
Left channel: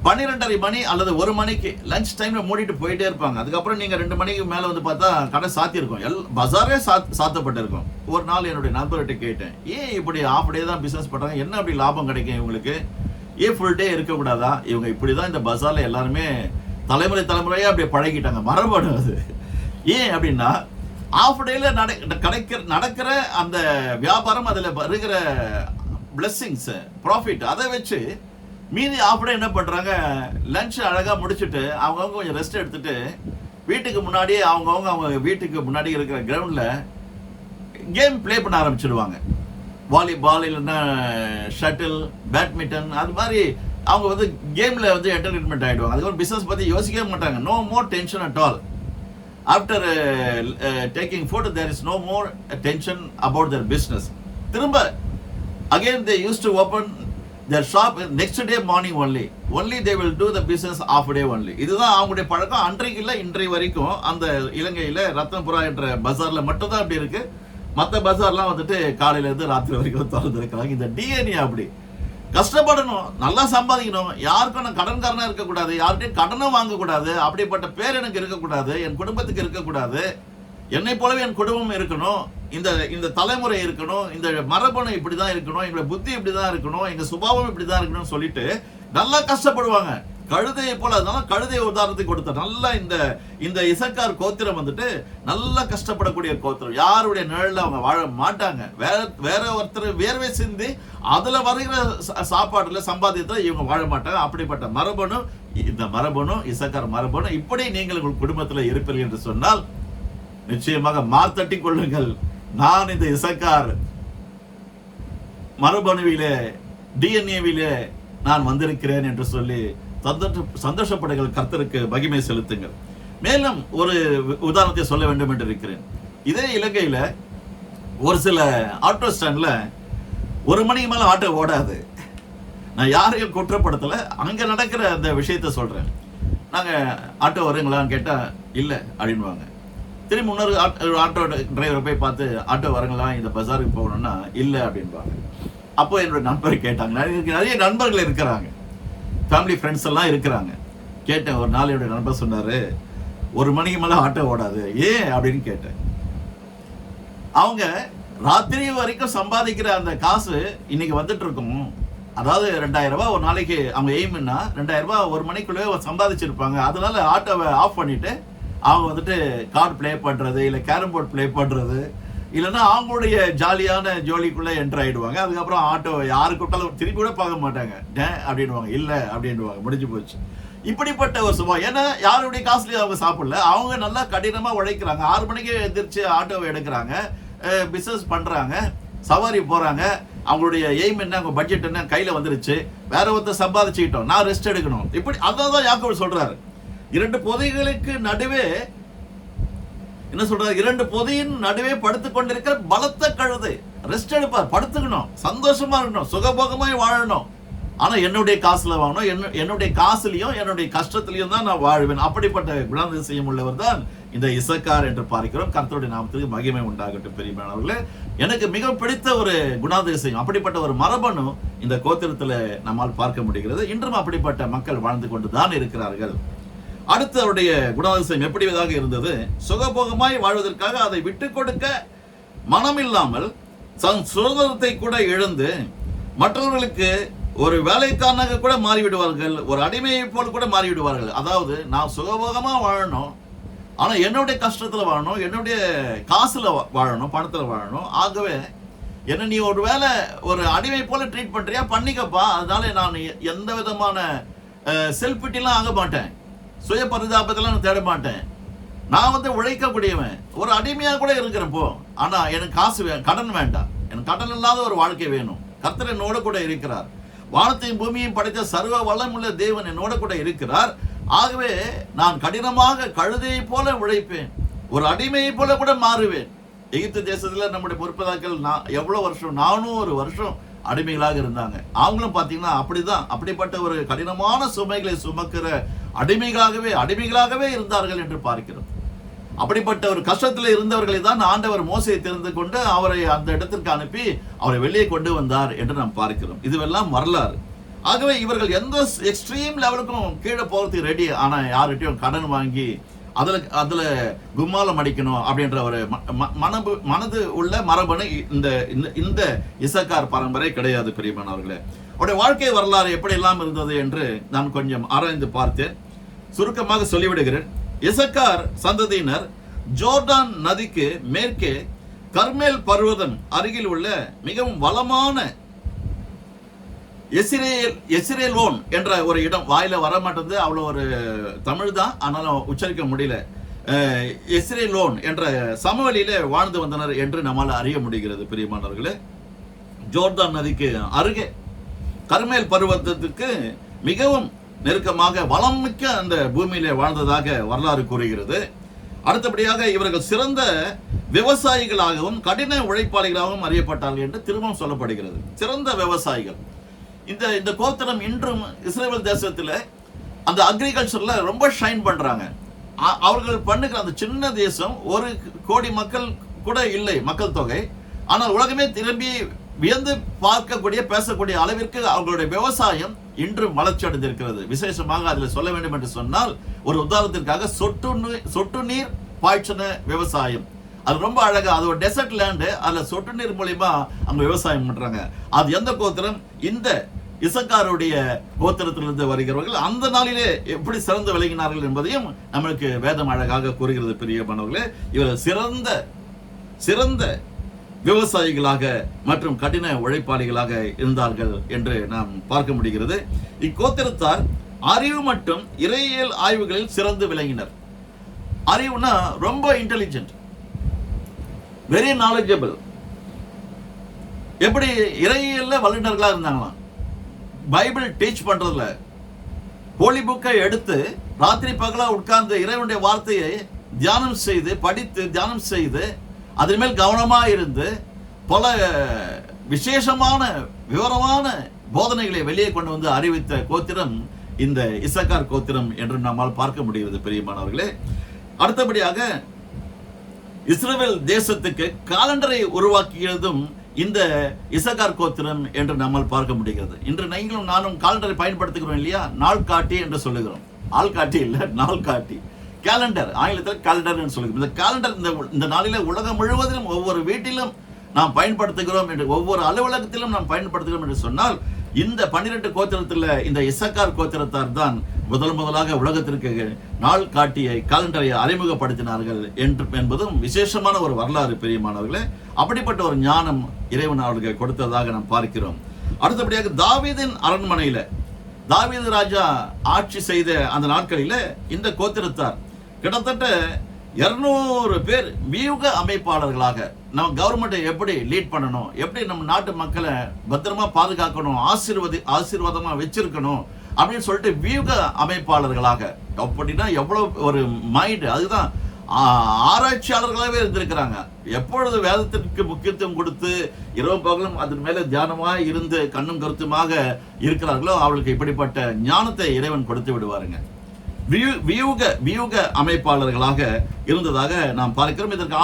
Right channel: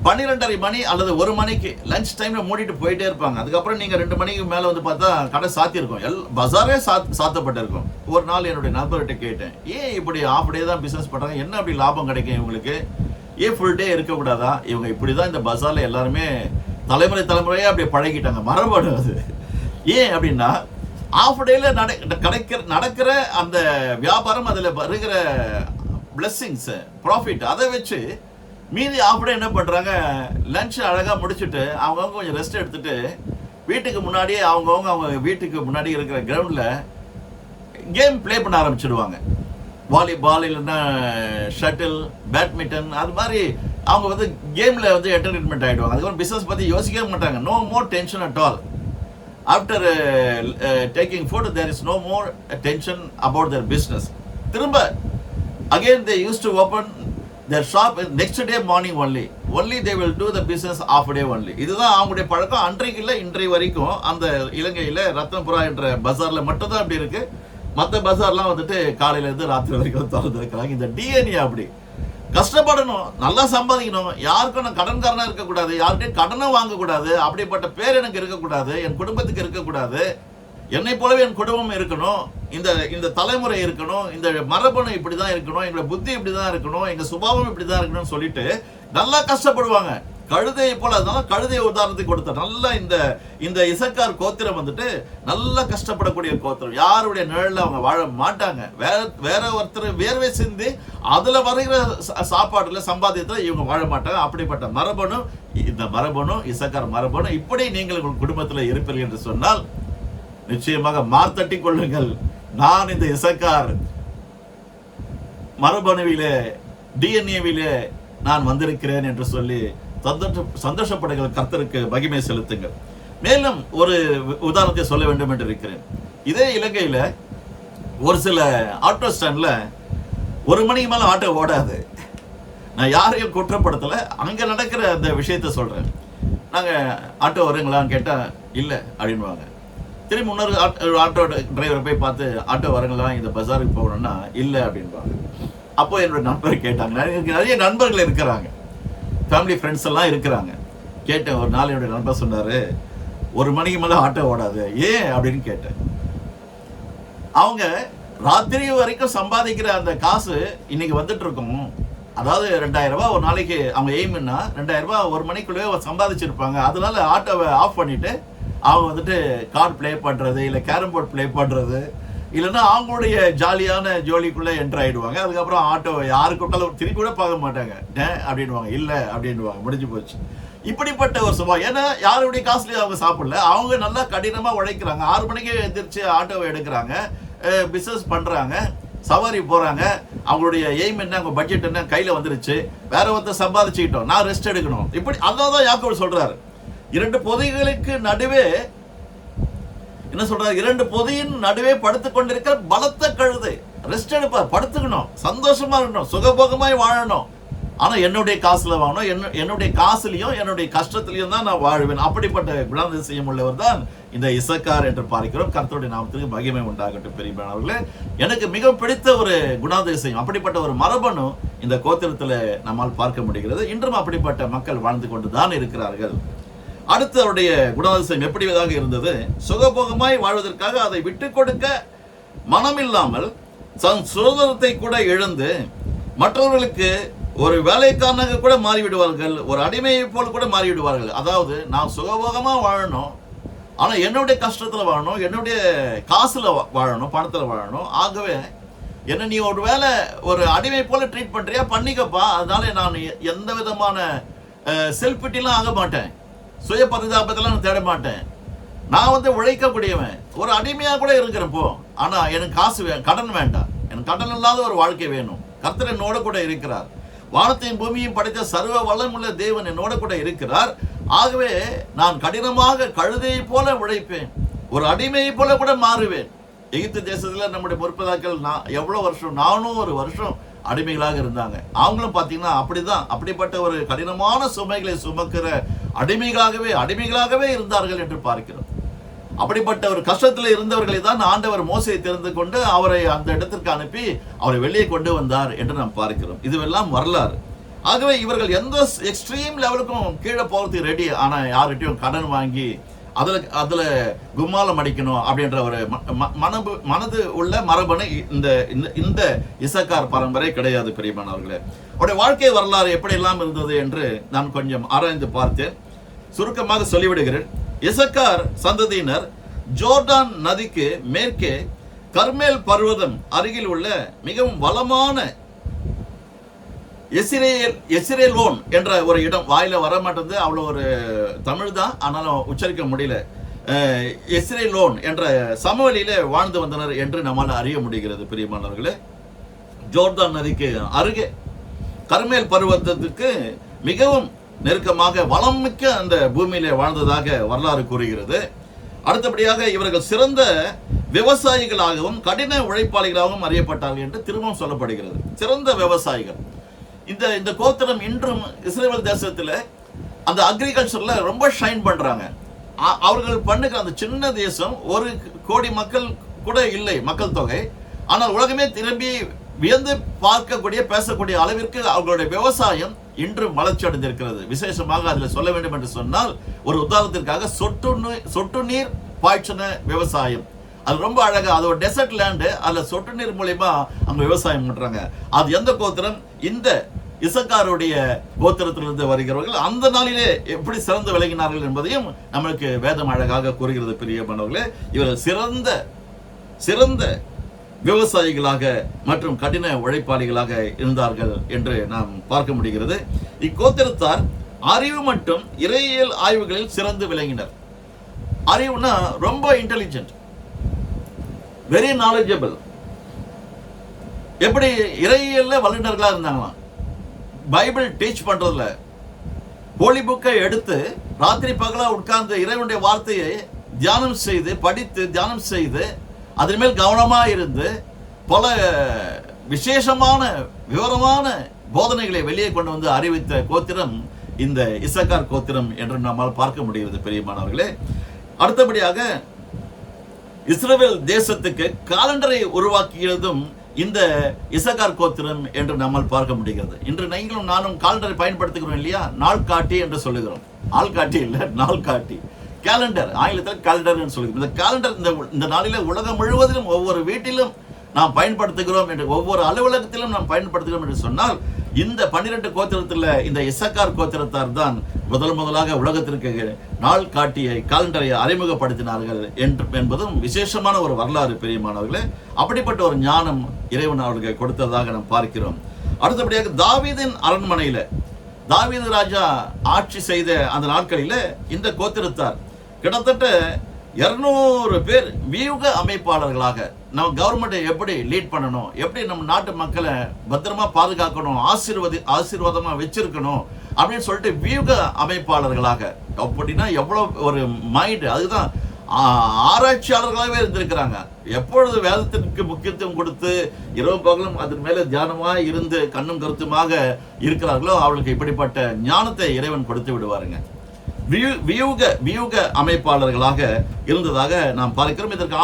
12:30 மணி அல்லது 1 மணிக்கு லஞ்ச் டைம்ல மூடிட்டு போயிட்டே இருப்பாங்க. அதுக்கப்புறம் நீங்க 2 மணிக்கு மேல வந்து பார்த்தா கடை சாத்தி இருக்கும். பஜாரே சாத்தப்பட்டிருக்கும். ஒரு நாள் என்னுடைய நண்பர்கிட்ட கேட்டேன், ஏன் இப்படி ஆஃப் டே தான் பிசினஸ் பண்றாங்க, என்ன அப்படி லாபம் கிடைக்கும் இவங்களுக்கு, ஏன் ஃபுல் டே இருக்கக்கூடாதா? இவங்க இப்படிதான் இந்த பஜார்ல எல்லாருமே தலைமுறையா அப்படி பழகிட்டாங்க, மரபணு அது. ஏன் அப்படின்னா ஆஃப் டேல நடக்கிற அந்த வியாபாரம், அதுல வருகிற பிளெஸிங்ஸ் ப்ராஃபிட், அதை வச்சு மீதி ஆஃப் டே என்ன பண்றாங்க, லஞ்ச் அழகா முடிச்சுட்டு அவங்கவுங்க கொஞ்சம் ரெஸ்ட் எடுத்துட்டு வீட்டுக்கு முன்னாடியே அவங்க வீட்டுக்கு முன்னாடி இருக்கிற கிரவுண்ட்ல கேம் பிளே பண்ண ஆரம்பிச்சிடுவாங்க. வாலிபால் இல்லைன்னா ஷட்டில், பேட்மிண்டன், அது மாதிரி அவங்க வந்து கேம்ல வந்து என்டர்டைன்மெண்ட் ஆயிடுவாங்க. அதுக்கப்புறம் பிசினஸ் பத்தி யோசிக்கவே மாட்டாங்க. No more tension at all. After taking food, there is no more tension about their business. திரும்ப again they used to open their shop next day morning only they will do the business half day only. இதுதான் அவங்களுடைய பழக்கம். அன்றைக்கு இல்லை, இன்றைய வரைக்கும் அந்த இலங்கையில ரத்னபுரா என்ற பஜார்ல மட்டும் தான் அப்படி இருக்கு. மற்ற பஜார்லாம் வந்துட்டு காலையில இருந்து ராத்திரி வரைக்கும் திறந்து இருக்கிறாங்க. இந்த டிஎன்ஏ அப்படி. கஷ்டப்படணும், நல்லா சம்பாதிக்கணும், யாருக்கும் நான் கடன்காரனா இருக்கக்கூடாது, யார்கிட்டையும் கடனை வாங்கக்கூடாது, அப்படிப்பட்ட பேர் எனக்கு இருக்கக்கூடாது, என் குடும்பத்துக்கு இருக்கக்கூடாது, என்னை போலவே என் குடும்பம் இருக்கணும், இந்த தலைமுறை இருக்கணும், இந்த மரபணு இப்படிதான் இருக்கணும், எங்களோட புத்தி இப்படிதான் இருக்கணும், எங்க சுபாவம் இப்படிதான் இருக்கணும்னு சொல்லிட்டு நல்லா கஷ்டப்படுவாங்க. கழுதையை போல. அதனால கழுதை உதாரணத்துக்கு கொடுத்த நல்ல இந்த இசக்கார் கோத்திரம் வந்துட்டு நல்ல கஷ்டப்படக்கூடிய கோத்திரம். யாருடைய நிழல்ல அவங்க வாழ மாட்டாங்க. வேற ஒருத்தர் வேர்வை சிந்தி அதுல வருகிற சாப்பாடுல சம்பாதியத்துல இவங்க வாழ மாட்டாங்க. அப்படிப்பட்ட மரபணு, இந்த மரபணு, இசக்கார் மரபணு. இப்படி நீங்கள் உங்கள் குடும்பத்தில் இருப்பீர்கள் என்று சொன்னால் நிச்சயமாக மார்த்தட்டி கொள்ளுங்கள். நான் இந்த இசக்கார் மரபணுவிலே, டிஎன்ஏவிலே நான் வந்திருக்கிறேன் என்று சொல்லி சந்தோஷப்படுங்கள். கர்த்தருக்கு மகிமை செலுத்துங்கள். மேலும் ஒரு உதாரணத்தை சொல்ல வேண்டும் என்று இருக்கிறேன். இதே இலங்கையில ஒரு சில ஆட்டோ ஸ்டாண்ட்ல 1 மணிக்கு மேல ஆட்டோ ஓடாது. நான் யாரையும் குற்றப்படுத்தல, அங்க நடக்கிற அந்த விஷயத்த சொல்றேன். நாங்க ஆட்டோ வருங்களான்னு கேட்டா இல்ல அப்படின்வாங்க. திரும்பி இன்னொரு ஆட்டோ டிரைவரை போய் பார்த்து ஆட்டோ வரங்களா, இந்த பஜாருக்கு போகணும்னா இல்ல அப்படின்பாங்க. அப்போ என்னோட நண்பர் கேட்டாங்க. எனக்கு நிறைய நண்பர்கள் இருக்கிறாங்க, ஃபேமிலி ஃப்ரெண்ட்ஸ் எல்லாம் இருக்கிறாங்க. கேட்டேன். ஒரு நாள் என்னுடைய நண்பர் சொன்னாரு, 1 மணிக்கு மேல ஆட்டோ ஓடாது, ஏன் அப்படின்னு கேட்டேன். அவங்க ராத்திரி வரைக்கும் சம்பாதிக்கிற அந்த காசு இன்னைக்கு வந்துட்டு இருக்கும். அதாவது 2000 ரூபாய் ஒரு நாளைக்கு அவங்க எய்ம்னா 2000 ரூபாய் 1 மணிக்குள்ளே சம்பாதிச்சிருப்பாங்க. அதனால ஆட்டோவை ஆஃப் பண்ணிட்டு அவங்க வந்துட்டு கார்டு பிளே பண்றது, இல்லை கேரம் போர்டு பிளே பண்றது, இல்லைன்னா அவங்களுடைய ஜாலியான ஜோலிக்குள்ள என்டர் ஆயிடுவாங்க. அதுக்கப்புறம் ஆட்டோ யாரு கூப்பிட்டாலும் திருப்பி கூட பார்க்க மாட்டாங்க, அப்படின்வாங்க, இல்ல அப்படின்வாங்க, முடிஞ்சு போச்சு. இப்படிப்பட்ட ஒரு சுபா. ஏன்னா யாருடைய காசுலயும் அவங்க சாப்பிடல, அவங்க நல்லா கடினமா உழைக்கிறாங்க. 6 மணிக்கு எந்திரிச்சு ஆட்டோவை எடுக்கிறாங்க, பிசினஸ் பண்றாங்க, சவாரி போறாங்க. அவங்களுடைய எய்ம் என்ன, அவங்க பட்ஜெட் என்ன, கையில வந்துருச்சு. வேற ஒருத்தர் சம்பாதிச்சுக்கிட்டோம், நான் ரெஸ்ட் எடுக்கணும். இப்படி அதான் யாக்கோபு சொல்றாரு. 2 பொதிகளுக்கு நடுவே என்ன சொல்றாரு, 2 பொதியின் நடுவே படுத்துக் கொண்டிருக்கிற பலத்த கழுதை. ரெஸ்ட் எடுப்பார், படுத்துக்கணும், சந்தோஷமா இருக்கணும், சுகபோகமாய் வாழணும். ஆனா என்னுடைய காசுல வாங்கணும், என்னுடைய காசுலயும் என்னுடைய கஷ்டத்திலையும் தான் நான் வாழ்வேன். அப்படிப்பட்ட குணாதிசயம் உள்ளவர் தான் இந்த இசக்கார் என்று பார்க்கிறோம். கர்த்தருடைய நாமத்துக்கு மகிமை உண்டாகட்டும். பெரியவர்களே, எனக்கு மிக பிடித்த ஒரு குணாதிசயம், அப்படிப்பட்ட ஒரு மரபணு இந்த கோத்திரத்துல நம்மால் பார்க்க முடிகிறது. இன்றும் அப்படிப்பட்ட மக்கள் வாழ்ந்து கொண்டுதான் இருக்கிறார்கள். அடுத்து அவருடைய குணாதிசயம் எப்படியாக இருந்தது, சுகபோகமாய் வாழ்வதற்காக அதை விட்டு கொடுக்க மனமில்லாமல் தன் சுதந்திரத்தை கூட இழந்து மற்றவர்களுக்கு ஒரு வேலைக்காரனாக கூட மாறிவிடுவார்கள், ஒரு அடிமையை போல் கூட மாறிவிடுவார்கள். அதாவது நான் சுகபோகமா வாழணும், ஆனா என்னுடைய கஷ்டத்துல வாழணும், என்னுடைய காசுல வாழணும், பணத்துல வாழணும். ஆகவே என்ன நீ ஒரு வேலை ஒரு அடிமை போல ட்ரீட் பண்றியா, பண்ணிக்கப்பா. அதனால நான் எந்த விதமான செல்ஃபிட்டிலாம் ஆக மாட்டேன், சுய பரிதாபத்தெல்லாம் தேட மாட்டேன். நான் வந்து உழைக்கக்கூடியவன், ஒரு அடிமையா கூட இருக்கிறப்போ. ஆனா எனக்கு காசு கடன் வேண்டாம், எனக்கு கடன் இல்லாத ஒரு வாழ்க்கை வேணும். கர்த்தர் என்னோட கூட இருக்கிறார். வானத்தையும் பூமியையும் படைத்த சர்வ வளமுள்ள தேவன் என்னோட கூட இருக்கிறார். ஆகவே நான் கடினமாக கழுதையை போல உழைப்பேன், ஒரு அடிமையை போல கூட மாறுவேன். எகிப்து தேசத்துல நம்முடைய முற்பதாக்கள் எவ்வளவு வருஷம், 400 வருஷம் அடிமைகளாக இருந்தாங்க. அவங்களும் பாத்தீங்கன்னா அப்படிதான், அப்படிப்பட்ட ஒரு கடினமான சுமைகளை சுமக்கிற அடிமைகளாகவே இருந்தார்கள் என்று பார்க்கிறோம். அப்படிப்பட்ட ஒரு கஷ்டத்தில் இருந்தவர்களை தான் ஆண்டவர் மோசையை தெரிந்து கொண்டு அவரை அந்த இடத்திற்கு அனுப்பி அவரை வெளியே கொண்டு வந்தார் என்று நாம் பார்க்கிறோம். இதுவெல்லாம் வரலாறு. ஆகவே இவர்கள் எந்த எக்ஸ்ட்ரீம் லெவலுக்கும் கீழே போகிறதுக்கு ரெடி. ஆனா யார்கிட்டயும் கடன் வாங்கி அதுல கும்மாலம் அடிக்கணும் அப்படின்ற ஒரு மனது உள்ள மரபணு இந்த இசக்கார் பரம்பரை கிடையாது. பெரியமானவர்களே, அவருடைய வாழ்க்கை வரலாறு எப்படி எல்லாம் இருந்தது என்று நான் கொஞ்சம் ஆராய்ந்து பார்த்தேன். சுருக்கமாக சொல்லிவிடுகிறேன். இசக்கார் சந்ததியினர் ஜோர்டான் நதிக்கு மேற்கே கர்மேல் பர்வதம் அருகில் உள்ள மிகவும் வளமான எஸ்ரேலோன் என்ற ஒரு இடம். வாயில வர மாட்டேங்குது, அவ்வளவு ஒரு தமிழ் தான், ஆனாலும் உச்சரிக்க முடியல. எஸ்ரேலோன் என்ற சமவெளியில வாழ்ந்து வந்தனர் என்று நம்மால் அறிய முடிகிறது. பிரியமானவர்களே, ஜோர்தான் நதிக்கு அருகே கர்மேல் பர்வதத்துக்கு மிகவும் நெருக்கமாக வளம் மிக்க அந்த பூமியிலே வாழ்ந்ததாக வரலாறு கூறுகிறது. அடுத்தபடியாக இவர்கள் சிறந்த விவசாயிகளாகவும் கடின உழைப்பாளிகளாகவும் அறியப்பட்டார்கள் என்று திரும்பவும் சொல்லப்படுகிறது. சிறந்த விவசாயிகள். இந்த கோத்திரம் இன்றும் இஸ்ரேல் தேசத்துல அந்த அக்ரிகல்ச்சர்ல ரொம்ப ஷைன் பண்றாங்க. அவர்கள் பண்ணுகிற அந்த சின்ன தேசம், 1 கோடி மக்கள் கூட இல்லை மக்கள் தொகை, ஆனால் உலகமே திரும்பி வியந்து பார்க்கக்கூடிய பேசக்கூடிய அளவிற்கு அவர்களுடைய விவசாயம் இன்றும் வளர்ச்சி அடைந்திருக்கிறது. விசேஷமாக அதில் சொல்ல வேண்டும் என்று சொன்னால், ஒரு உதாரணத்திற்காக சொட்டு நீர் பாய்ச்சின விவசாயம். அது ரொம்ப அழகா, அது ஒரு டெசர்ட் லேண்டு, அதுல சொட்டு நீர் மூலமா அங்க விவசாயம் பண்றாங்க. அது எந்த கோத்திரம்? இந்த இசக்காருடைய கோத்திரத்திலிருந்து வருகிறவர்கள் அந்த நாளிலே எப்படி சிறந்து விளங்கினார்கள் என்பதையும் நம்மளுக்கு வேதம் அழகாக கூறுகிறது. பிரியமானவர்களே, இவர் சிறந்த விவசாயிகளாக மற்றும் கடின உழைப்பாளிகளாக இருந்தார்கள் என்று நாம் பார்க்க முடிகிறது. இக்கோத்திரத்தார் அறிவு மற்றும் இறையியல் ஆய்வுகளில் சிறந்து விளங்கினர். அறிவுனா ரொம்ப இன்டெலிஜென்ட், வெரி நாலேஜபிள். எப்படி இறையியல்ல வல்லுநர்களா இருந்தாங்களாம். பைபிள் டீச் பண்றதுல, ஹோலி புக்கை எடுத்து ராத்திரி பகலா உட்கார்ந்து இறைவனுடைய வார்த்தையை தியானம் செய்து படித்து தியானம் செய்து அதன் மேல் கவனமா இருந்து பல விசேஷமான விவரமான போதனைகளை வெளியே கொண்டு வந்து அறிவித்த கோத்திரம் இந்த இசக்கார் கோத்திரம் என்று நம்மால் பார்க்க முடிகிறது. பெரியமானவர்களே, அடுத்தபடியாக இஸ்ரவேல் தேசத்துக்கு காலண்டரை உருவாக்கியதும் இந்த இசக்கார் கோத்திரம் என்று நம்மால் பார்க்க முடிகிறது. இன்று நீங்களும் நானும் காலண்டரை பயன்படுத்துகிறோம் இல்லையா? நாள் காட்டி என்று சொல்லுகிறோம். ஆள் காட்டி இல்ல, நாள் காட்டி. கேலண்டர், ஆங்கிலத்தில் கேலண்டர் சொல்லுகிறோம். இந்த கேலண்டர் இந்த நாளில உலகம் முழுவதிலும் ஒவ்வொரு வீட்டிலும் நாம் பயன்படுத்துகிறோம் என்று, ஒவ்வொரு அலுவலகத்திலும் நாம் பயன்படுத்துகிறோம் என்று சொன்னால், இந்த 12 கோத்திரத்தில் இந்த இசக்கார் கோத்திரத்தார் தான் முதலாக உலகத்திற்கு நாள் காட்டியை காலண்டரை அறிமுகப்படுத்தினார்கள் என்பதும் விசேஷமான ஒரு வரலாறு. பெரியமானவர்களே, அப்படிப்பட்ட ஒரு ஞானம் இறைவன் அவர்களுக்கு கொடுத்ததாக நாம் பார்க்கிறோம். அடுத்தபடியாக தாவீதின் அரண்மனையில தாவீது ராஜா ஆட்சி செய்த அந்த நாட்களில இந்த கோத்திரத்தார் கிட்டத்தட்ட 200 பேர் வியூக அமைப்பாளர்களாக, நம்ம கவர்மெண்ட்டை எப்படி லீட் பண்ணணும், எப்படி நம்ம நாட்டு மக்களை பத்திரமா பாதுகாக்கணும், ஆசீர்வாதமா வச்சிருக்கணும் அப்படின்னு சொல்லிட்டு வியூக அமைப்பாளர்களாக, அப்படின்னா எவ்வளவு ஒரு மைண்ட், அதுதான் ஆராய்ச்சியாளர்களாகவே இருந்திருக்கிறாங்க. எப்பொழுது வேதத்திற்கு முக்கியத்துவம் கொடுத்து இரவு பகலும் அதன் மேல தியானமா இருந்து கண்ணும் கருத்துமாக இருக்கிறார்களோ அவர்களுக்கு இப்படிப்பட்ட ஞானத்தை இறைவன் கொடுத்து விடுவாருங்க. வியூக அமைப்பாளர்களாக இருந்ததாக நாம் பார்க்கிறோம். இதற்கு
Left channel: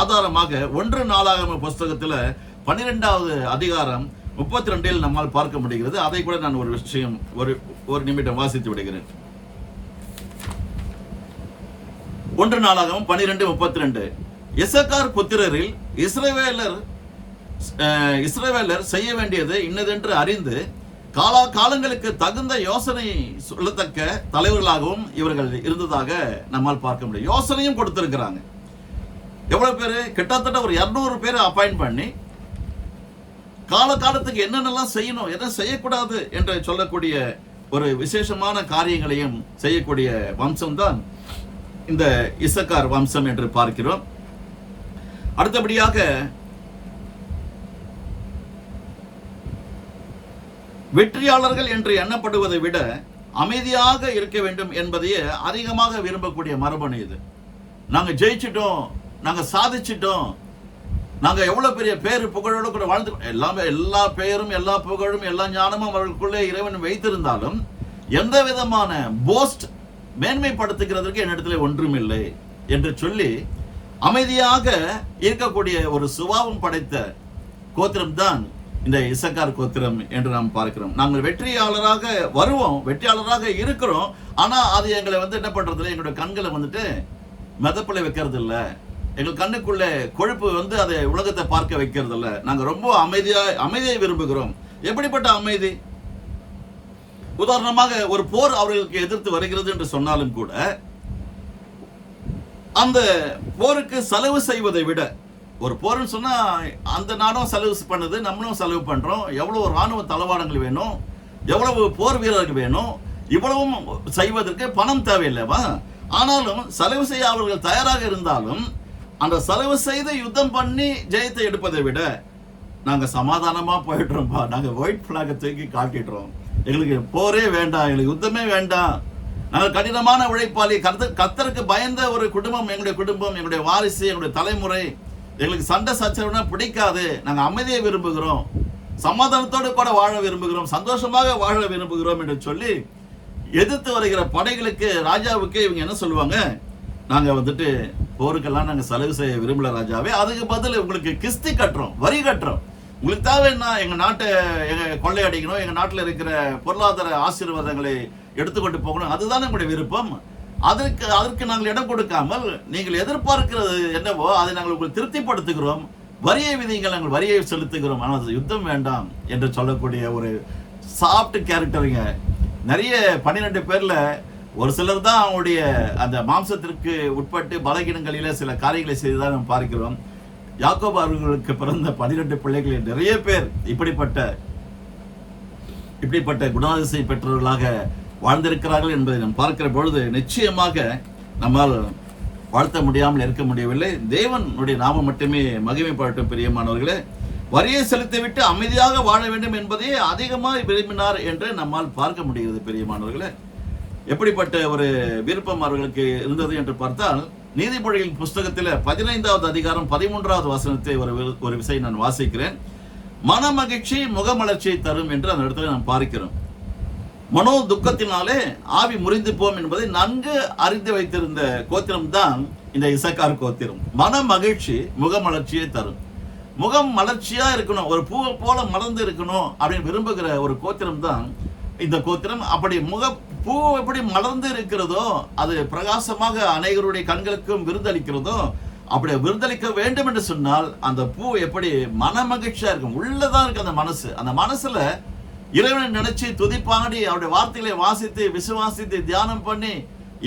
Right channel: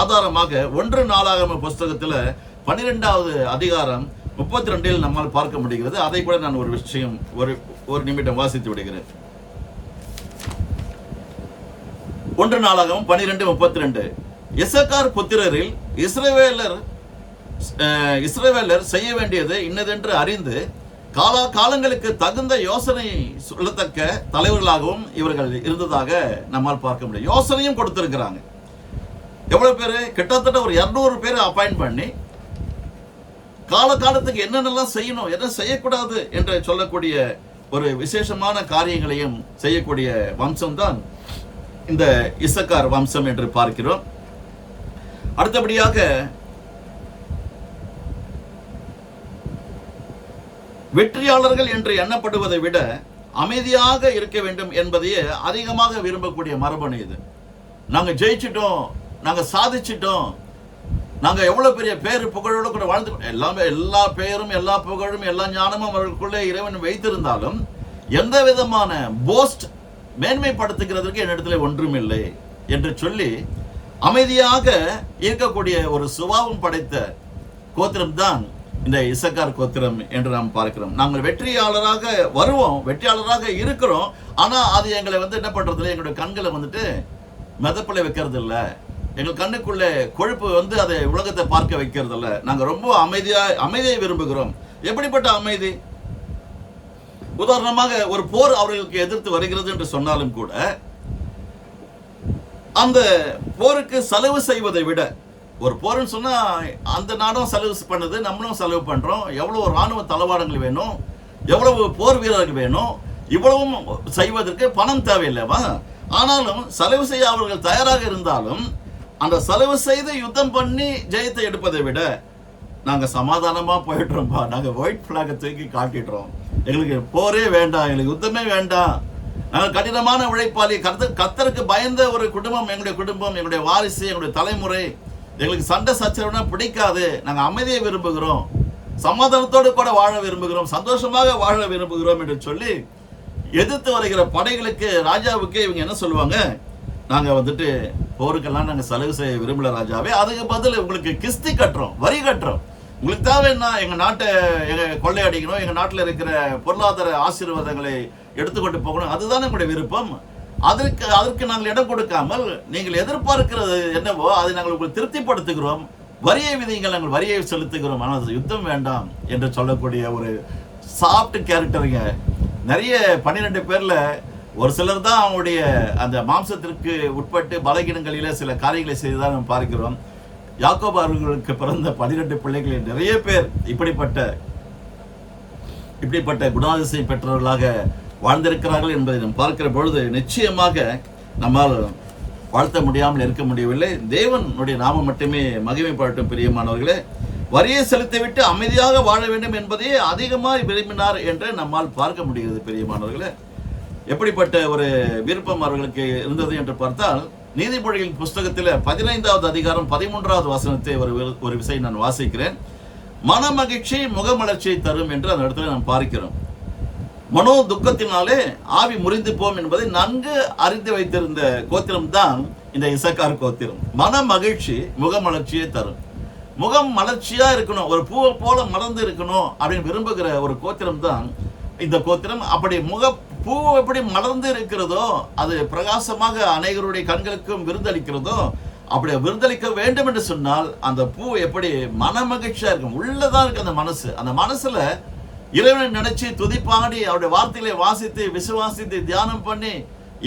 ஆதாரமாக 1 நாளாகம புஸ்தகத்தில் 12வது அதிகாரம் 32 நம்மால் பார்க்க முடிகிறது. அதை கூட நான் ஒரு விஷயம் ஒரு நிமிடம் வாசித்து விடுகிறேன். 1 நாளாகமம் 12:32. இசக்கார் புத்திரரில் இஸ்ரவேலர் செய்ய வேண்டியது இன்னதென்று அறிந்து காலங்களுக்கு தகுந்த யோசனை சொல்லத்தக்க தலைவர்களாகவும் இவர்கள் இருந்ததாக நம்மால் பார்க்க முடியும். யோசனையும் கொடுத்திருக்கிறாங்க. எவ்வளவு பேரு? கிட்டத்தட்ட ஒரு 200 பேரை அப்பாயிண்ட் பண்ணி காலத்துக்கு என்னென்னலாம் செய்யணும், என்ன செய்யக்கூடாது என்று சொல்லக்கூடிய ஒரு விசேஷமான காரியங்களையும் செய்யக்கூடிய வம்சம் தான் இந்த இசக்கார் வம்சம் என்று பார்க்கிறோம். அடுத்தபடியாக வெற்றியாளர்கள் என்று எண்ணப்படுவதை விட அமைதியாக இருக்க வேண்டும் என்பதையே அதிகமாக விரும்பக்கூடிய மரபணு இது. நாங்க ஜெயிச்சிட்டோம், நாங்க சாதிச்சிட்டோம், நாங்க எவ்வளவு பெரிய பேரு புகழோட கூட வாழ்ந்து, எல்லா பெயரும் எல்லா புகழும் எல்லா ஞானமும் அவர்களுக்குள்ளே இறைவன் வைத்திருந்தாலும் எந்த விதமான போஸ்ட் மேன்மைப்படுத்துகிறதற்கு என்னிடத்துல ஒன்றுமில்லை என்று சொல்லி அமைதியாக இருக்கக்கூடிய ஒரு சுபாவம் படைத்த கோத்திரம் தான் இந்த இசக்கார் கோத்திரம் என்று நாம் பார்க்கிறோம். நாங்கள் வெற்றியாளராக வருவோம், வெற்றியாளராக இருக்கிறோம். ஆனா அது எங்களை என்ன பண்றது, எங்களுடைய கண்களை மெதப்பில் வைக்கிறது இல்ல, எங்கள் கண்ணுக்குள்ள கொழுப்பு அதை உலகத்தை பார்க்க வைக்கிறது இல்ல. நாங்க ரொம்ப அமைதியை விரும்புகிறோம். எப்படிப்பட்ட அமைதி? உதாரணமாக ஒரு போர் அவர்களுக்கு எதிர்த்து வருகிறது என்று சொன்னாலும் கூட அந்த போருக்கு செலவு செய்வதை விட, ஒரு போர்னு சொன்னா அந்த நாடும் செலவு பண்ணுது, நம்மளும் செலவு பண்றோம். எவ்வளவு ராணுவ தளவாடங்கள் வேணும், எவ்வளவு போர் வீரர்கள் வேணும், இவ்வளவும் செய்வதற்கு பணம் தேவையில்லைவா? ஆனாலும் செலவு செய்ய அவர்கள் தயாராக இருந்தாலும் அந்த செலவு செய்து யுத்தம் பண்ணி ஜெயத்தை எடுப்பதை விட நாங்க சமாதானமா போயிடுறோம்பா, நாங்க ஒயிட் பிளாக தூக்கி காட்டிடுறோம், எங்களுக்கு போரே வேண்டாம், எங்களுக்கு யுத்தமே வேண்டாம், நாங்கள் கடினமான உழைப்பாளி, கர்த்தருக்கு பயந்த ஒரு குடும்பம் எங்களுடைய குடும்பம், எங்களுடைய வாரிசு, எங்களுடைய தலைமுறை, எங்களுக்கு சண்டை சச்சரவுனா பிடிக்காது, நாங்கள் அமைதியை விரும்புகிறோம், சமாதானத்தோடு கூட வாழ விரும்புகிறோம், சந்தோஷமாக வாழ விரும்புகிறோம் என்று சொல்லி எதிர்த்து வருகிற படைகளுக்கு, ராஜாவுக்கு இவங்க என்ன சொல்லுவாங்க, நாங்க போருக்கெல்லாம் நாங்க செலவு செய்ய விரும்பல ராஜாவே, அதுக்கு பதில் உங்களுக்கு கிஸ்தி கட்டுறோம், வரி கட்டுறோம், உங்களுக்கு தேவைன்னா எங்க நாட்டை கொள்ளையடிக்கணும், எங்க நாட்டில் இருக்கிற பொருளாதார ஆசீர்வாதங்களை எடுத்துக்கொண்டு போகணும், அதுதான் எங்களுடைய விருப்பம். அதற்கு நாங்கள் இடம் கொடுக்காமல் நீங்கள் எதிர்பார்க்கிறது என்னவோ அதை நாங்கள் உங்களுக்கு திருப்திப்படுத்துகிறோம், வரியை விதிங்கள், நாங்கள் வரியை செலுத்துகிறோம், ஆனால் யுத்தம் வேண்டாம் என்று சொல்லக்கூடிய ஒரு சாஃப்ட் கேரக்டருங்க. நிறைய 12 பேர்ல ஒரு சிலர் தான் அவங்களுடைய அந்த மாம்சத்திற்கு உட்பட்டு பலகீனங்களில சில காரியங்களை செய்துதான் நாம் பார்க்கிறோம். யாக்கோபு அவர்களுக்கு பிறந்த 12 பிள்ளைகளில் நிறைய பேர் இப்படிப்பட்ட குணாதிசயம் பெற்றவர்களாக வாழ்ந்திருக்கிறார்கள் என்பதை நாம் பார்க்கிற பொழுது நிச்சயமாக நம்மால் வாழ்த்த முடியாமல் இருக்க முடியவில்லை. தேவனுடைய நாமம் மட்டுமே மகிமைப்படட்டும். பிரியமானவர்களே, வரியை செலுத்திவிட்டு அமைதியாக வாழ வேண்டும் என்பதையே அதிகமாக விரும்பினார் என்று நம்மால் பார்க்க முடிகிறது. பிரியமானவர்களே, எப்படிப்பட்ட ஒரு விருப்பம் அவர்களுக்கு இருந்தது என்று பார்த்தால், நீதிமொழிகளின் புஸ்தகத்தில் 15வது அதிகாரம் 13வது வசனத்தை ஒரு விசை நான் வாசிக்கிறேன். மன மகிழ்ச்சி முகமலர்ச்சியை தரும் என்று அந்த இடத்துல நாம் பார்க்கிறோம். மனோ துக்கத்தினாலே ஆவி முறிந்து போம் என்பதை நன்கு அறிந்து வைத்திருந்த கோத்திரம் தான் இந்த இசக்கார் கோத்திரம். மன மகிழ்ச்சி முகமலர்ச்சியை தரும். முகம் மலர்ச்சியா இருக்கணும், ஒரு பூவை போல மலர்ந்து இருக்கணும் அப்படின்னு விரும்புகிற ஒரு கோத்திரம் தான் இந்த கோத்திரம். அப்படி பூ எப்படி மலர்ந்து இருக்கிறதோ, அது பிரகாசமாக அநேகருடைய கண்களுக்கும் விருந்தளிக்கிறதோ, அப்படி விருந்தளிக்க வேண்டும் என்று சொன்னால் அந்த பூ எப்படி மன மகிழ்ச்சியா இருக்கும், உள்ளதான் இருக்கு அந்த மனசு. அந்த மனசுல இறைவனை நினைச்சு துதிப்பாடி அவருடைய வார்த்தைகளை வாசித்து விசுவாசித்து தியானம் பண்ணி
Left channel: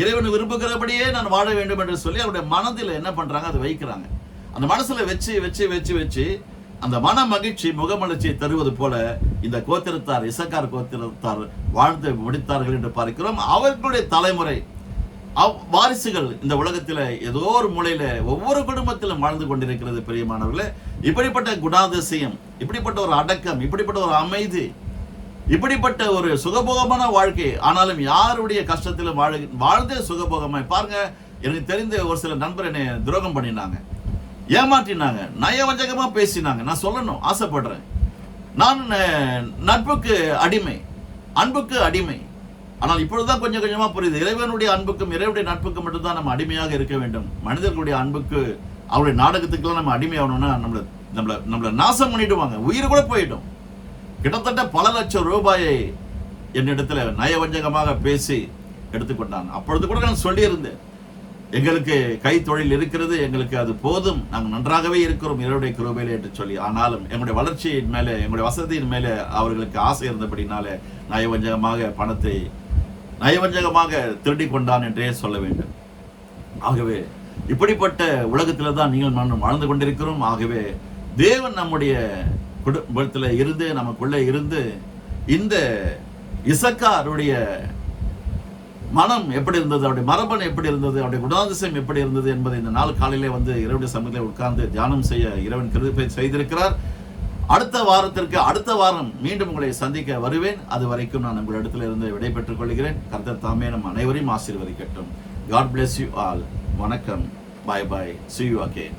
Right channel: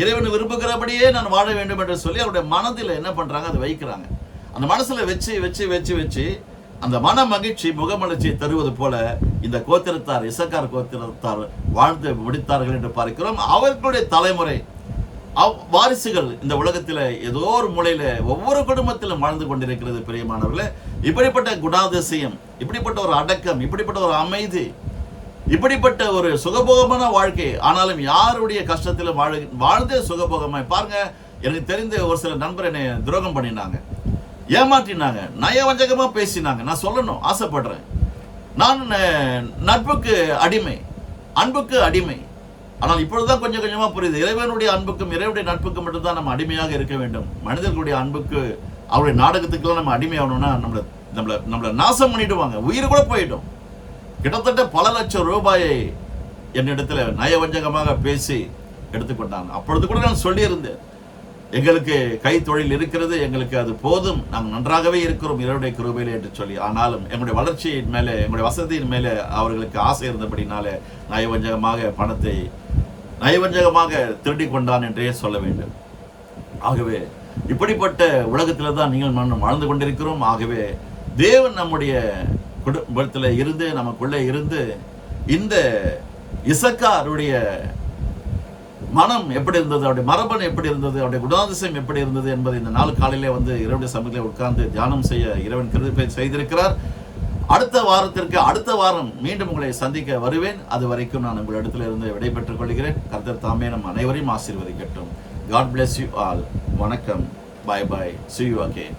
இறைவனை விரும்புகிறபடியே நான் வாழ வேண்டும் என்று சொல்லி அவருடைய மனதில் என்ன பண்றாங்க, அதை வைக்கிறாங்க. அந்த மனசுல வச்சு வச்சு வச்சு வச்சு அந்த மன மகிழ்ச்சி முகமலர்ச்சியை தருவது போல இந்த கோத்திரத்தார், இசக்கார் கோத்திரத்தார் வாழ்ந்து முடித்தார்கள் என்று பார்க்கிறோம். அவர்களுடைய தலைமுறை வாரிசுகள் இந்த உலகத்தில் ஏதோ ஒரு மூலையில ஒவ்வொரு குடும்பத்திலும் வாழ்ந்து கொண்டிருக்கிறது. பிரியமானவர்களே, இப்படிப்பட்ட குணாதிசயம், இப்படிப்பட்ட ஒரு அடக்கம், இப்படிப்பட்ட ஒரு அமைதி, இப்படிப்பட்ட ஒரு சுகபோகமான வாழ்க்கை, ஆனாலும் யாருடைய கஷ்டத்திலும் வாழ்ந்தே சுகபோகமாய் பாருங்க. எனக்கு தெரிந்த ஒரு சில நண்பர் என்னை துரோகம் பண்ணினாங்க, ஏமாற்றினாங்க, நயவஞ்சகமா பேசினாங்க. நான் சொல்லணும் ஆசைப்படுறேன், நான் நட்புக்கு அடிமை, அன்புக்கு அடிமை. ஆனால் இப்பொழுதுதான் கொஞ்சம் கொஞ்சமா புரியுது, இறைவனுடைய அன்புக்கும் இறைவனுடைய நட்புக்கும் மட்டும்தான் நம்ம அடிமையாக இருக்க வேண்டும். மனிதர்களுடைய அன்புக்கு, அவருடைய நாடகத்துக்கெல்லாம் நம்ம அடிமை ஆகணும்னா நம்மளை நாசம் பண்ணிடுவாங்க, உயிர் கூட போயிடும். கிட்டத்தட்ட பல லட்சம் ரூபாயை என்னிடத்துல நயவஞ்சகமாக பேசி எடுத்துக்கொண்டாங்க. அப்பொழுது கூட நான் சொல்லியிருந்தேன், எங்களுக்கு கை தொழில் இருக்கிறது, எங்களுக்கு அது போதும், நாங்கள் நன்றாகவே இருக்கிறோம் இறைவனுடைய கிருபையிலே என்று சொல்லி. ஆனாலும் எங்களுடைய வளர்ச்சியின் மேலே, எங்களுடைய வசதியின் மேலே அவர்களுக்கு ஆசை இருந்தபடினாலே நயவஞ்சகமாக பணத்தை நயவஞ்சகமாக திருடி கொண்டான் என்றே சொல்ல வேண்டும். ஆகவே இப்படிப்பட்ட உலகத்தில் தான் நீங்கள் நான் வாழ்ந்து கொண்டிருக்கிறோம். ஆகவே தேவன் நம்முடைய குடும்பத்தில் இருந்து, நமக்குள்ளே இருந்து, இந்த இசக்காருடைய மனம் எப்படி இருந்தது, அவருடைய மரபன் எப்படி இருந்தது, அவருடைய குணாதிசயம் எப்படி இருந்தது என்பதை இந்த நாள் காலையிலே இறைவனுடைய சமூகத்தில் உட்கார்ந்து தியானம் செய்ய இறைவன் கிருபை செய்திருக்கிறார். அடுத்த வாரம் மீண்டும் உங்களை சந்திக்க வருவேன். அது வரைக்கும் நான் உங்கள் இடத்துல இருந்து விடைபெற்றுக் கொள்கிறேன். கர்த்தர் தாமே நம் அனைவரையும் ஆசீர்வதிக்கட்டும். God bless you all. வணக்கம். Bye bye. See you again.